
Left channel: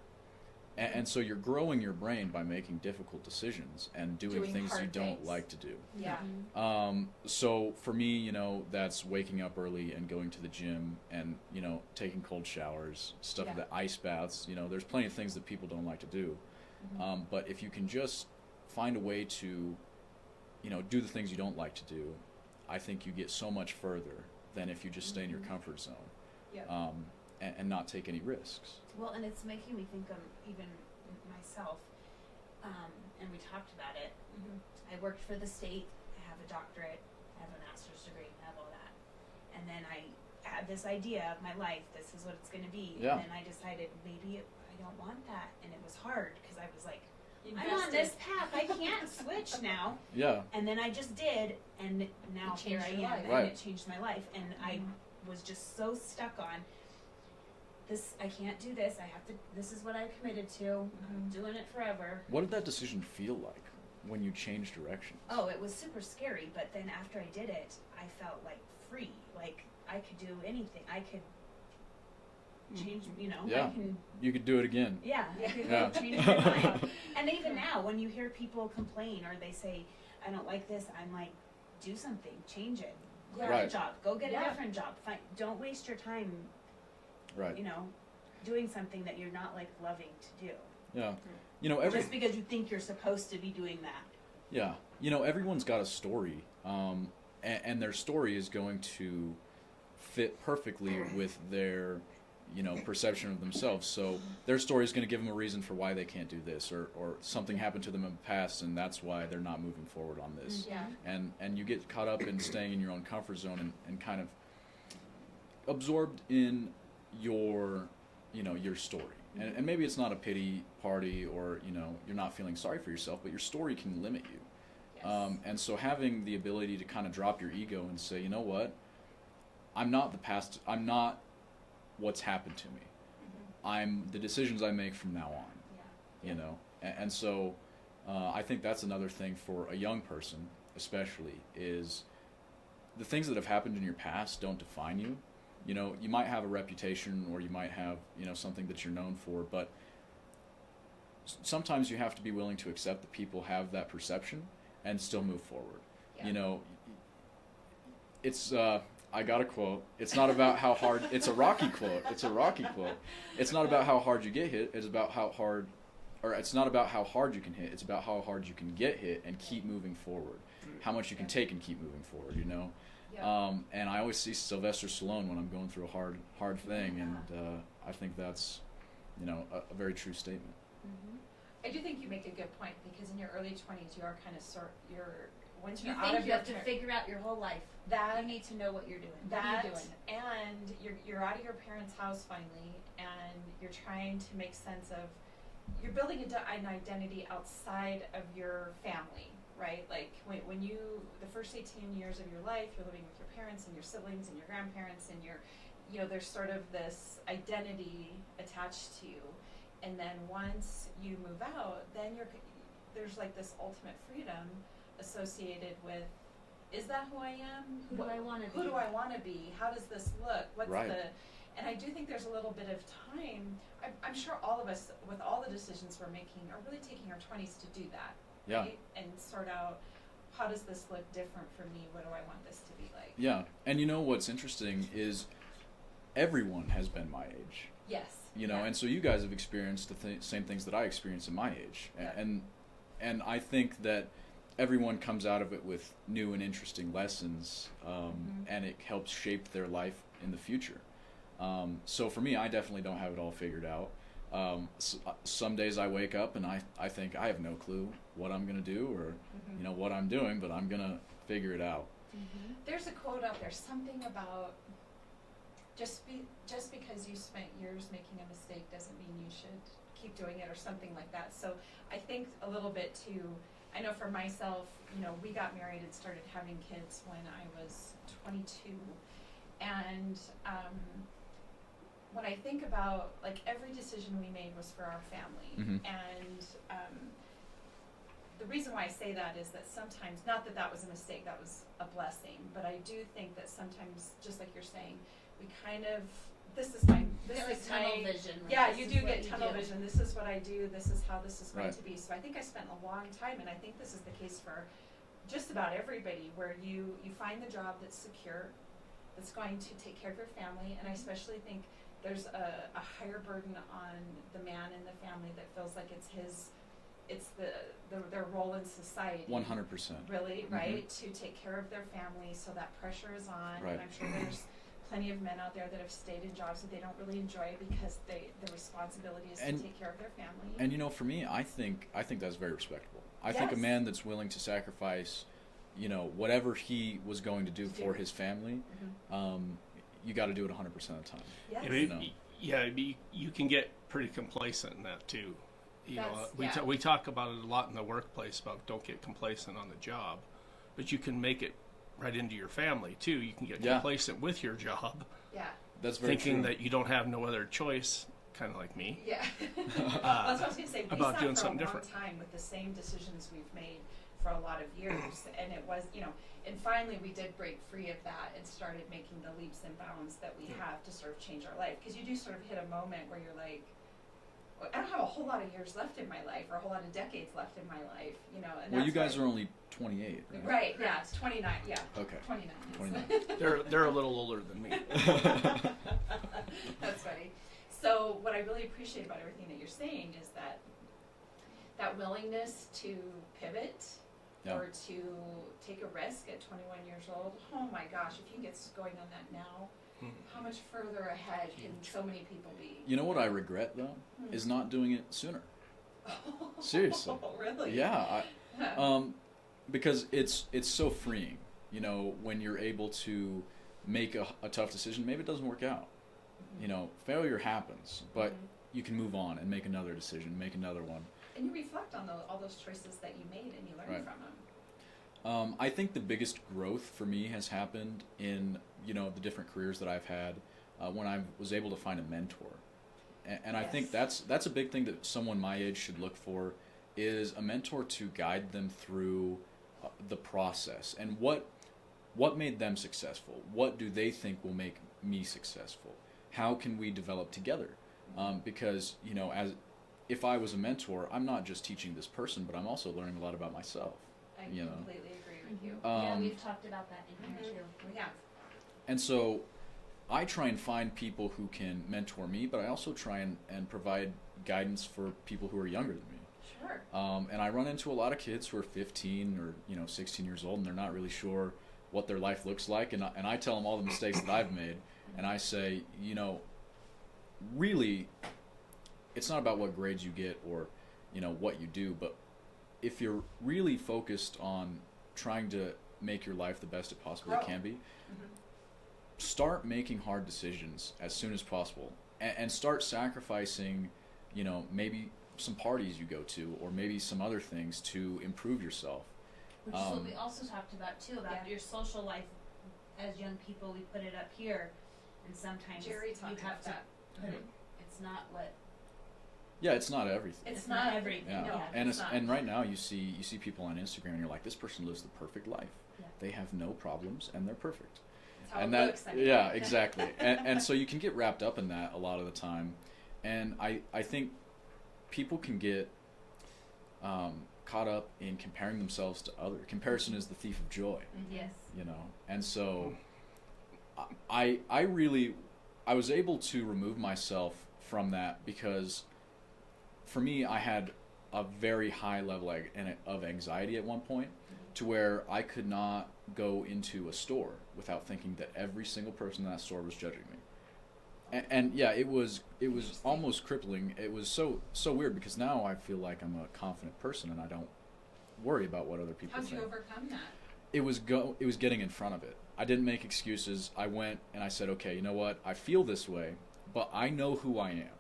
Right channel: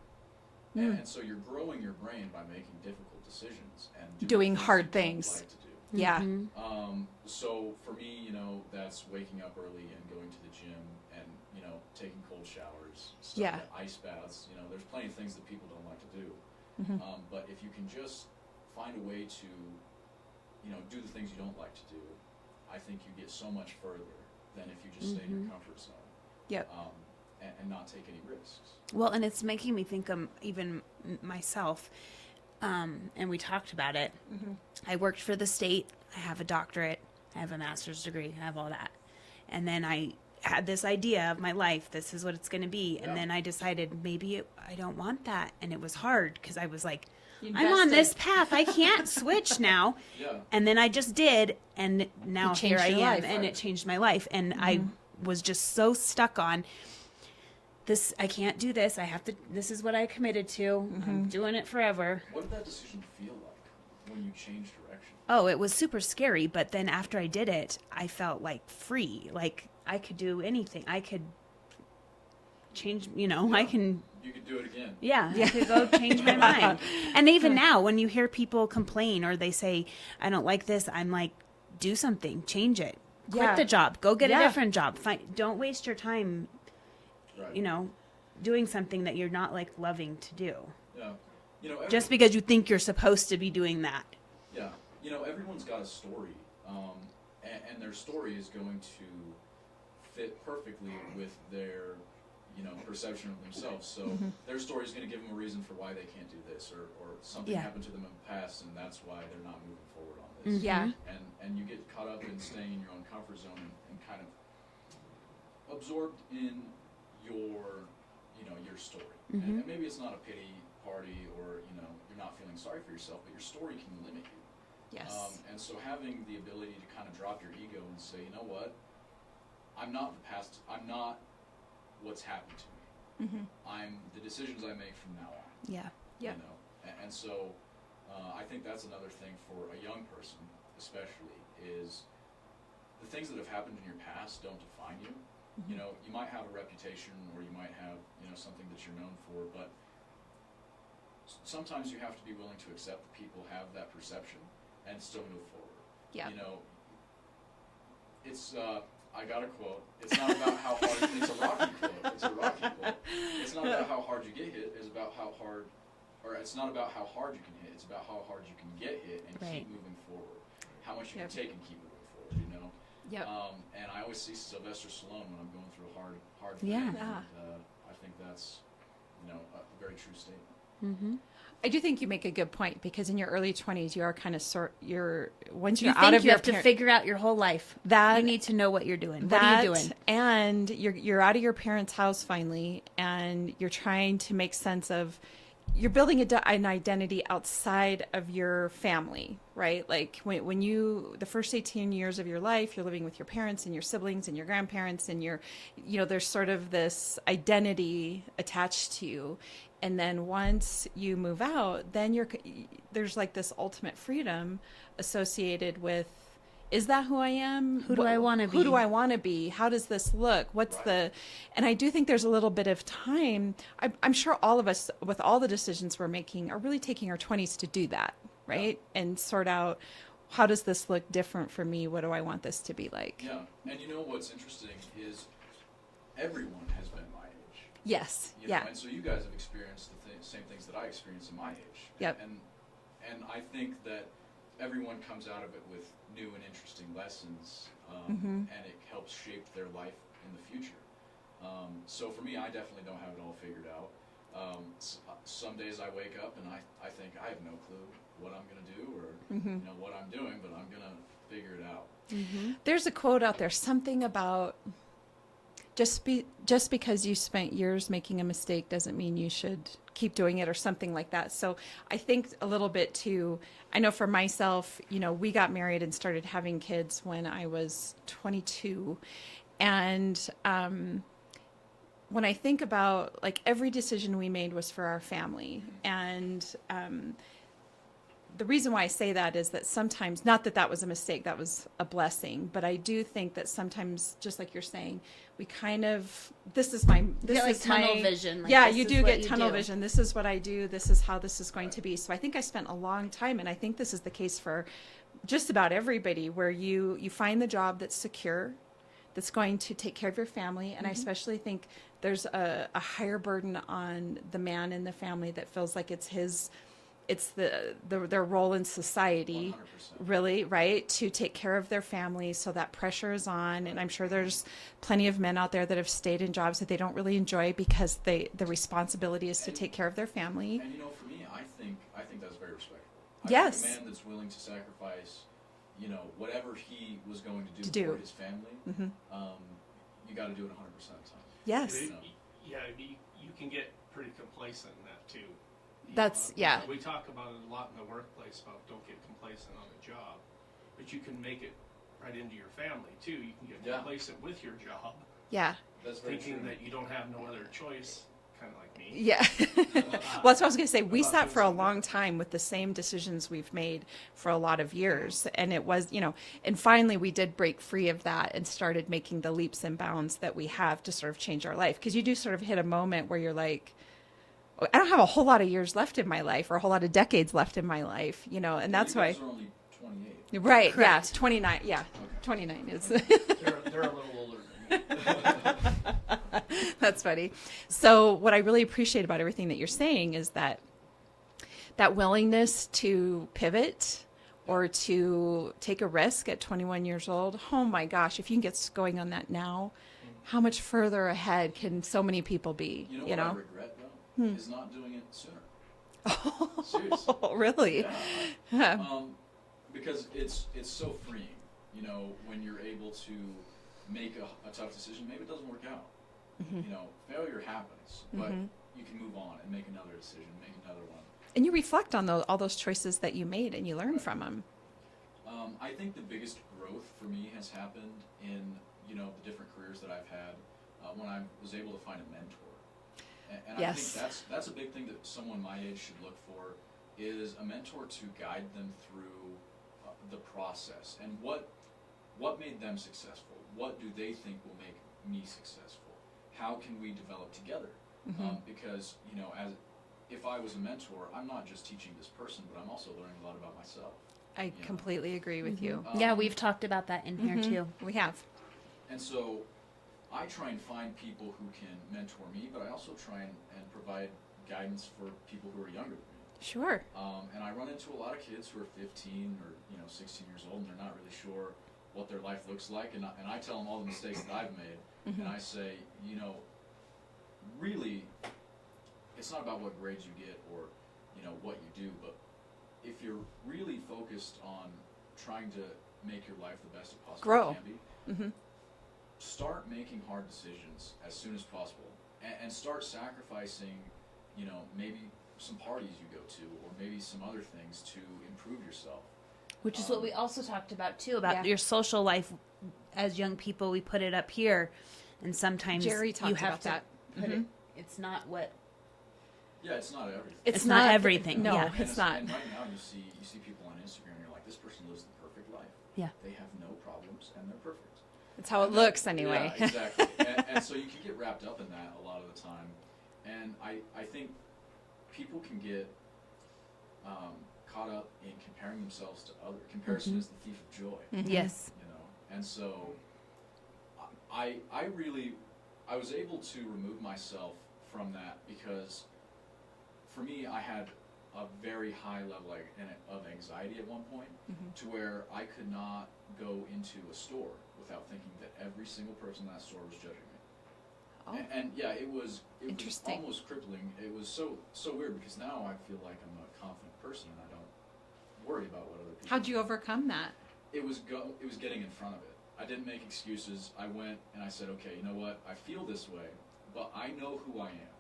And so you're growing your brain by making difficult decisions and doing things hard you things. don't like to do. Yeah. So for me, that's waking up early and going to the gym and, taking cold showers, stuff, Yeah. ice baths. There's plenty of things that people don't like to do. But if you can just find a way to, do the things you don't like to do, I think you get so much further than if you just stay in your comfort zone. Yep. And not take any risks. Well, and it's making me think of even myself. And we talked about it. I worked for the state. I have a doctorate. I have a master's degree. I have all that. And then I had this idea of my life. This is what it's going to be. Yeah. And then I decided maybe I don't want that. And it was hard because I was like, I'm on this path. I can't switch now. Yeah. And then I just did, and now here I am, life. and Right. it changed my life. And I was just so stuck on this. I can't do this. I have to. This is what I committed to. I'm doing it forever. What did that decision feel like when you changed direction? Oh, it was super scary. But then after I did it, I felt like free. Like I could do anything. I could change. I Yeah. can. You could do it again. Yeah, I could go change my mind. And even now, when you hear people complain or they say, I don't like this, I'm like, do something, change it. Quit Yeah. the job, go get a Yeah. different job. Don't waste your time, Right. doing something that you're not like loving to do. Yeah. Just because you think you're supposed to be doing that. Yeah. Everyone's got a story, and their story is going to fit perfectly with their, perception of themselves. So their story is going to give them a reason for why they can't do this, or something Yeah. happened to them in the past, and that's why they're not moving forward on this. Yeah. And you get caught up in staying in your own comfort zone and kind of absorbed in your story. And maybe it's not a pity party, or you're not feeling sorry for yourself, but your story can limit you. Yes. And so having the ability to kind of drop your ego and say, you know what, I'm not the past, I'm not what's happened to me. I'm the decisions I make from now on. Yeah. Yep. And so I think that's another thing for a young person, especially, is the things that have happened in your past don't define you. You might have a reputation, or you might have something that you're known for, but sometimes you have to be willing to accept that people have that perception and still move forward. Yeah. It's I got a quote. It's not about how hard. It's a Rocky quote. It's a Rocky quote. It's not about how hard you get hit. It's about how hard, or it's not about how hard you can hit. It's about how hard you can get hit and keep moving forward. How much you can take and keep moving forward. Yep. And I always see Sylvester Stallone when I'm going through a hard thing, and I think that's a very true statement. I do think you make a good point, because in your early 20s, you are kind of once you're You out think of you your have to figure out your whole life. You need to know what you're doing. What are you doing? And you're out of your parents' house finally, and you're trying to make sense of, you're building an identity outside of your family, right? Like when the first 18 years of your life, you're living with your parents and your siblings and your grandparents, and there's sort of this identity attached to you. And then once you move out, then there's like this ultimate freedom associated with, is that who I am? Who do I want to be? Who do I want to be? How does this look? And I do think there's a little bit of time. I'm sure all of us, with all the decisions we're making, are really taking our 20s to do that, right? Yeah. And sort out, how does this look different for me? What do I want this to be like? Yeah. And what's interesting is everyone has been my age. Yes. And so you guys have experienced the same things that I experienced in my age. Yep. And I think that everyone comes out of it with new and interesting lessons, and it helps shape their life in the future. So for me, I definitely don't have it all figured out. Some days I wake up and I think I have no clue what I'm going to do, or what I'm doing, but I'm going to figure it out. There's a quote out there, something about just because you spent years making a mistake doesn't mean you should keep doing it, or something like that. So I think a little bit too, I know for myself, we got married and started having kids when I was 22. And when I think about, like, every decision we made was for our family. And the reason why I say that is that sometimes, not that that was a mistake, that was a blessing, but I do think that sometimes, just like you're saying, we kind of, this is tunnel vision. Like, you do get tunnel vision. This is what I do. This is how this is going to be. So I think I spent a long time, and I think this is the case for just about everybody, where you find the job that's secure, that's going to take care of your family. And I especially think there's a higher burden on the man in the family that feels like it's their role in society. 100%. Really, right? To take care of their families, so that pressure is on. Right. And I'm sure there's plenty of men out there that have stayed in jobs that they don't really enjoy, because the responsibility is to take care of their family. And for me, I think that's very respectable. I Yes. think a man that's willing to sacrifice, whatever he was going to do for his family, you got to do it 100% of the time. Yes. You can get pretty complacent in that too. We talk about it a lot in the workplace about don't get complacent on the job, but you can make it right into your family too. You can get complacent with your job. Yeah. That's very thinking true. that you don't have no other choice, kind of like me. Yeah. Well, that's what I was going to say. We About sat doing for a something long different. time with the same decisions we've made for a lot of years. And it was, and finally we did break free of that and started making the leaps and bounds that we have to sort of change our life. Because you do sort of hit a moment where you're like, I don't have a whole lot of years left in my life or a whole lot of decades left in my life, and that's you guys why. are only 28. Right. Correct. Yeah. 29. Yeah. Okay. 29 is. They're a little older than me. That's funny. So what I really appreciate about everything that you're saying is that willingness to pivot or to take a risk at 21 years old. Oh my gosh, if you can get going on that now, how much further ahead can so many people be? You know what I regret though is not doing it sooner. Seriously. Oh, really? Yeah. Because it's so freeing, when you're able to make a tough decision. Maybe it doesn't work out. Failure happens, but you can move on and make another decision, make another one. And you reflect on all those choices that you made and you learn from them. I think the biggest growth for me has happened in, the different careers that I've had when I was able to find a mentor. And I think that's a big thing that someone my age should look for, is a mentor to guide them through the process and what made them successful. What do they think will make me successful? How can we develop together? Because if I was a mentor, I'm not just teaching this person, but I'm also learning a lot about myself. I completely agree with you. Yeah, we've talked about that in here too. We have. And so I try and find people who can mentor me, but I also try and provide guidance for people who are younger than me. Sure. And I run into a lot of kids who are 15 or 16 years old, and they're not really sure what their life looks like. And I tell them all the mistakes that I've made, and I say, really, it's not about what grades you get or what you do, but if you're really focused on trying to make your life the best it possibly can be, start making hard decisions as soon as possible, and start sacrificing, maybe some parties you go to, or maybe some other things to improve yourself. Which is what we also talked about too, about your social life as young people. We put it up here, and sometimes Jerry talked you have about to that. put it. It's not what. Yeah, it's not everything. It's not everything. No, Yeah. it's not. And right now you see people on Instagram, and you're like, this person lives the perfect life. Yeah. They have no problems, and they're perfect. It's how And it looks anyway. Yeah, exactly. and so you can get wrapped up in that a lot of the time. And I think people can get caught up in comparing themselves to others. Comparison is the thief of joy. Yes. And so I was able to remove myself from that, because for me, I had a very high level of anxiety at one point, to where I could not go into a store without thinking that every single person in that store was judging me. And yeah, it was almost crippling. It was so weird, because now I feel like I'm a confident person and I don't worry about what other people How'd you think. overcome that? It was getting in front of it. I didn't make excuses. I went and I said, okay, you know what? I feel this way, but I know who I am.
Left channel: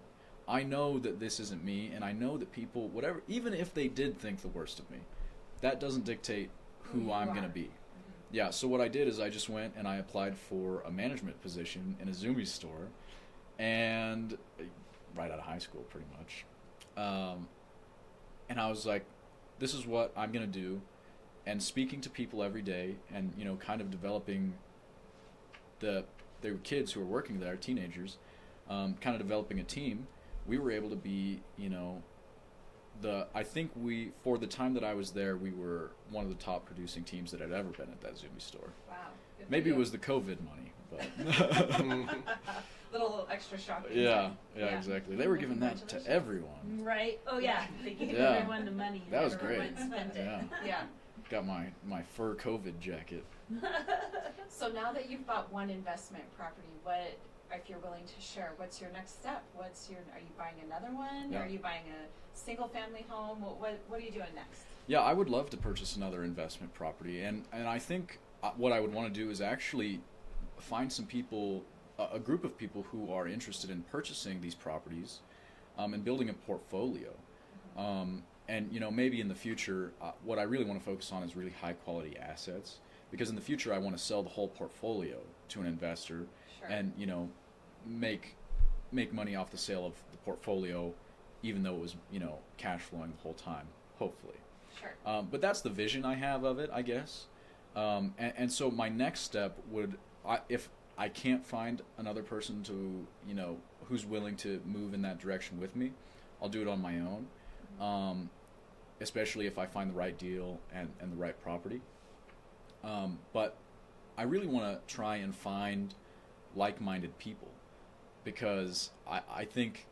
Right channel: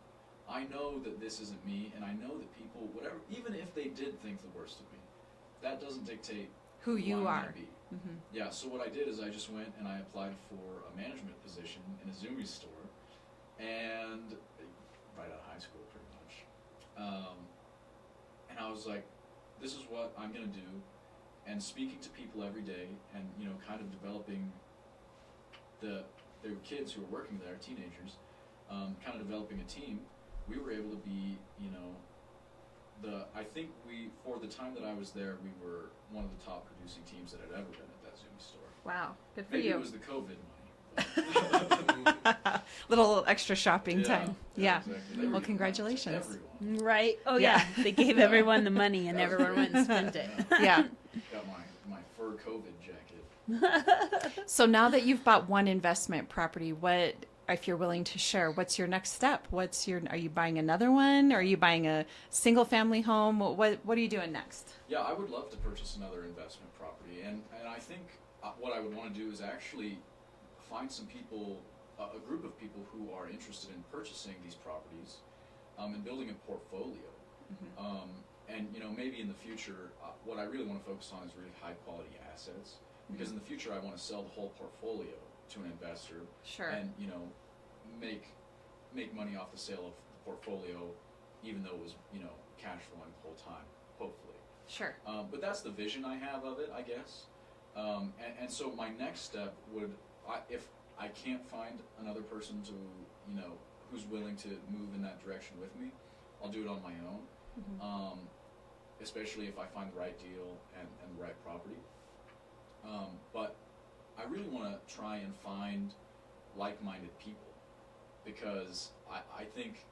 I know that this isn't me, and I know that people, whatever, even if they did think the worst of me, that doesn't dictate who I'm going to be. Yeah, so what I did is I just went and I applied for a management position in a Zoomies store, and right out of high school, pretty much. And I was like, this is what I'm going to do. And speaking to people every day, and kind of developing there were kids who were working there, teenagers, kind of developing a team. We were able to be, I think for the time that I was there, we were one of the top producing teams that had ever been at that Zoomies store. Wow. Good for Maybe you. it was the COVID money, but Little extra shopping time. Yeah, exactly. They were Well, giving congratulations. that to everyone. Right. Oh Yeah. yeah. They gave Yeah. everyone the money, and That was everyone great. went and spent it. Yeah. Yeah. Got my fur COVID jacket. So now that you've bought one investment property, what, if you're willing to share, what's your next step? Are you buying another one? Are you buying a single family home? What are you doing next? Yeah, I would love to purchase another investment property, and I think what I would want to do is actually find some people, a group of people who are interested in purchasing these properties, and building a portfolio. And maybe in the future, what I really want to focus on is really high quality assets, because in the future I want to sell the whole portfolio to an investor, Sure. and make money off the sale of the portfolio, even though it was cash flowing the whole time, hopefully. Sure. But that's the vision I have of it, I guess. And so my next step would, if I can't find another person to who's willing to move in that direction with me, I'll do it on my own. Especially if I find the right deal and the right property. But I really want to try and find like-minded people, because I think,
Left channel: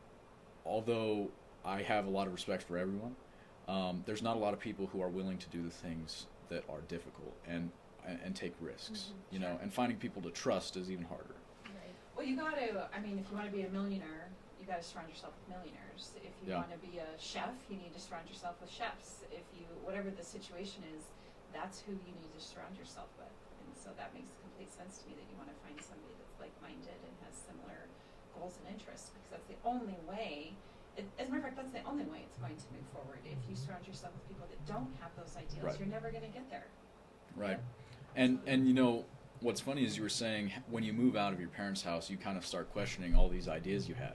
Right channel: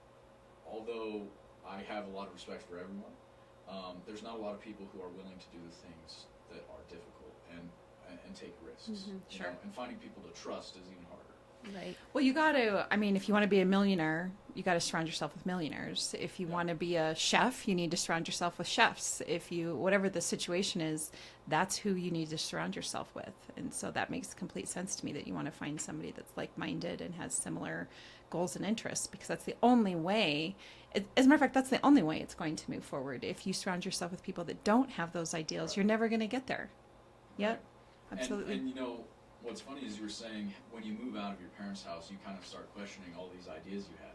although I have a lot of respect for everyone, there's not a lot of people who are willing to do the things that are difficult and take risks. Sure. And finding people to trust is even harder. Right. Well, you got to, if you want to be a millionaire, you got to surround yourself with millionaires. If you want to be a chef, you need to surround yourself with chefs. Whatever the situation is, that's who you need to surround yourself with. And so that makes complete sense to me, that you want to find somebody that's like-minded and has similar goals and interests, because that's the only way. As a matter of fact, that's the only way it's going to move forward. If you surround yourself with people that don't have those ideals, Right. you're never going to get there. Right. Yep. Absolutely. And what's funny is you were saying when you move out of your parents' house, you kind of start questioning all these ideas you had.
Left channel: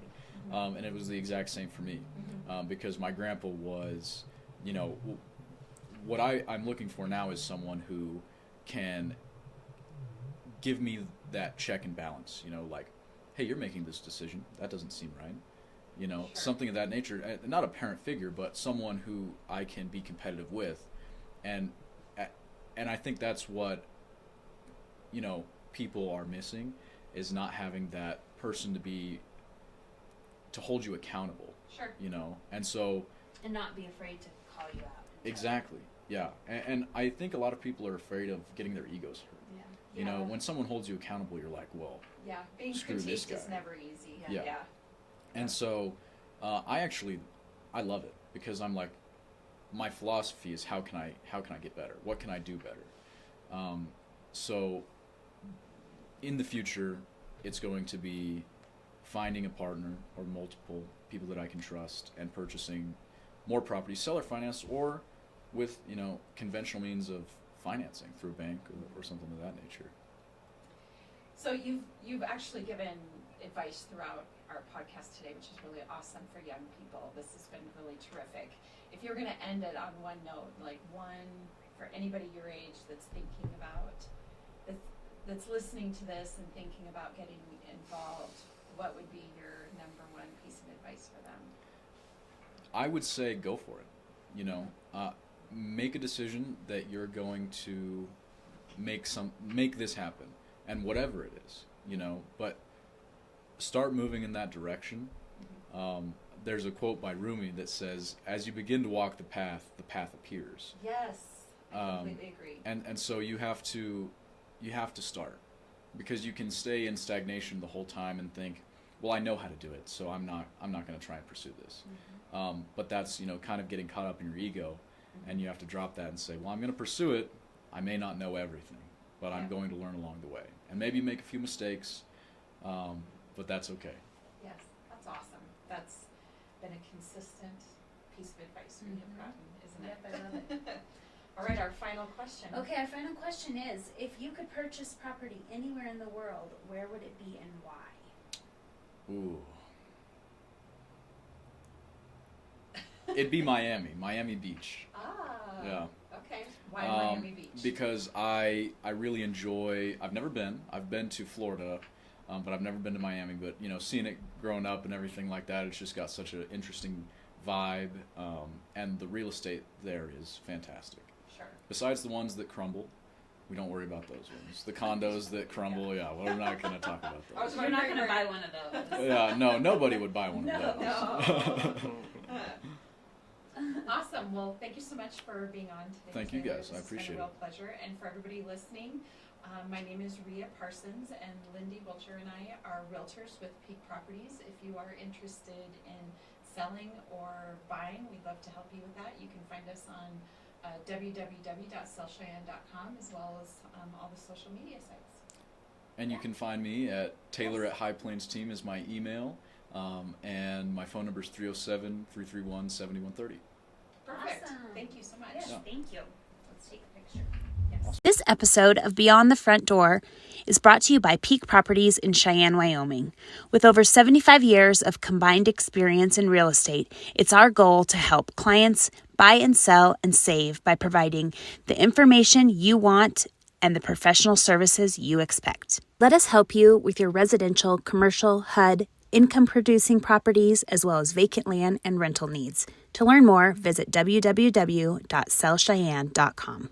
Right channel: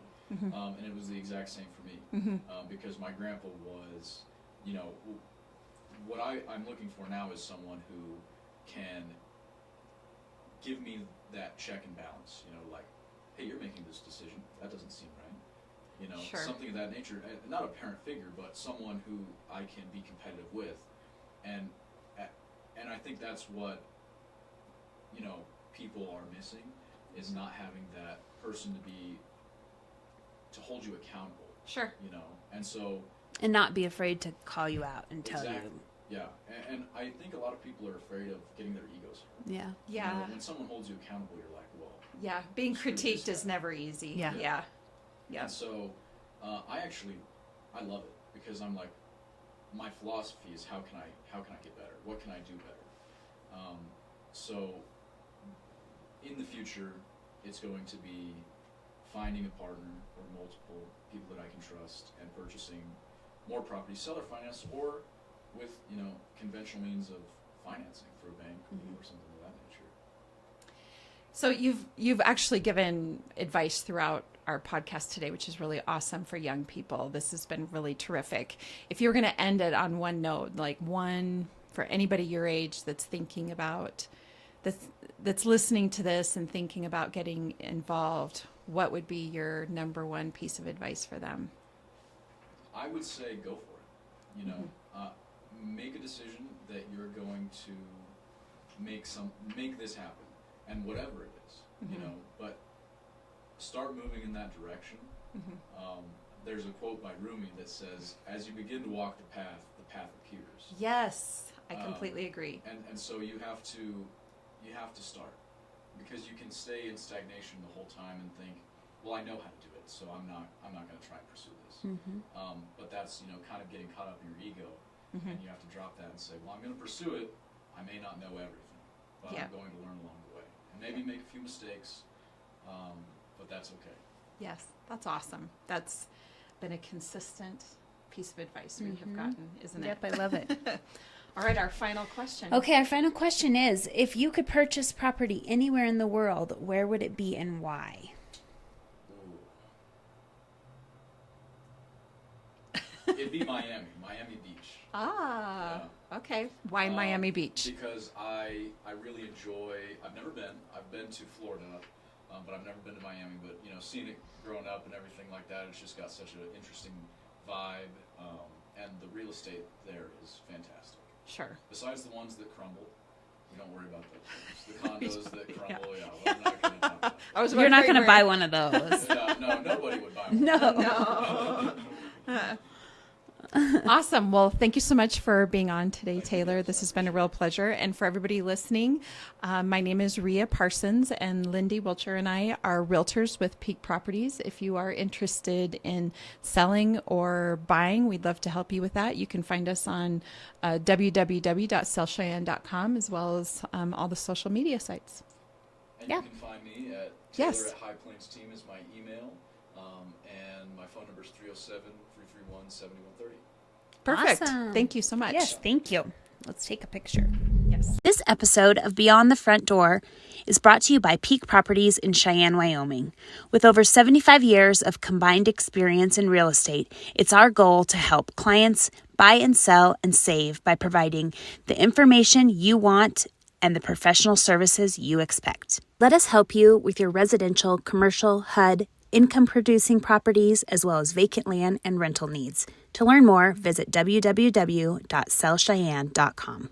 And it was the exact same for me, because my grandpa was, what I'm looking for now is someone who can give me that check and balance, like, hey, you're making this decision. That doesn't seem right. Sure. Something of that nature. Not a parent figure, but someone who I can be competitive with. And I think that's what, people are missing, is not having that person to hold you accountable. Sure. And so. And not be afraid to call you out and tell Exactly. Yeah. And I think a lot of people are afraid of getting their egos hurt. you. Yeah. Yeah. When someone holds you accountable, you're like, well. Yeah. Being Screw this critiqued is guy. never easy. Yeah. Yeah. And so I love it, because I'm like, my philosophy is how can I get better? What can I do better? So in the future, it's going to be finding a partner or multiple people that I can trust and purchasing more property, seller finance, or with conventional means of financing through a bank or something of that nature. So you've actually given advice throughout our podcast today, which is really awesome for young people. This has been really terrific. If you were going to end it on one note, like one for anybody your age that's thinking about that's listening to this and thinking about getting involved, what would be your number one piece of advice for them? I would say go for it. Make a decision that you're going to make this happen, and whatever it is, but start moving in that direction. There's a quote by Rumi that says, "As you begin to walk the path appears." Yes, I completely agree. And so you have to start, because you can stay in stagnation the whole time and think, well, I know how to do it, so I'm not going to try and pursue this. But that's kind of getting caught up in your ego, and you have to drop that and say, well, I'm going to pursue it. I may not know everything, but I'm going to learn along the way, and maybe make a few mistakes, but that's okay. Yes, that's awesome. That's been a consistent piece of advice we have gotten, isn't it? Yep, I love it. All right, our final question. Okay, our final question is, if you could purchase property anywhere in the world, where would it be and why? Ooh. It'd be Miami Beach. Ah, okay. Why Miami Beach? Because I really enjoy, I've never been. I've been to Florida, but I've never been to Miami. But, seeing it growing up and everything like that, it's just got such an interesting vibe. And the real estate there is fantastic. Sure. Besides the ones that crumble, we don't worry about those ones. The condos that crumble, we're not going to talk about that. You're not going to buy one of those. Yeah, no, nobody would buy one. No. Awesome. Well, thank you so much for being on today, Thank you, Taylor. guys. This I has been a appreciate real it. pleasure. And for everybody listening, my name is Rhea Parsons, and Lindy Wilcher and I are realtors with Peak Properties. If you are interested in selling or buying, we'd love to help you with that. You can find us on www.sellcheyenne.com, as well as all the social media sites. And Yeah. you can find me at Yes. Taylor at High Plains Team is my email. And my phone number is 307-331-7130. Perfect. Awesome. Thank you so much. Yes, thank you. Let's take a picture. Yes. This episode of Beyond the Front Door is brought to you by Peak Properties in Cheyenne, Wyoming. With over 75 years of combined experience in real estate, it's our goal to help clients buy and sell and save by providing the information you want and the professional services you expect. Let us help you with your residential, commercial, HUD, income-producing properties, as well as vacant land and rental needs. To learn more, visit www.sellcheyenne.com.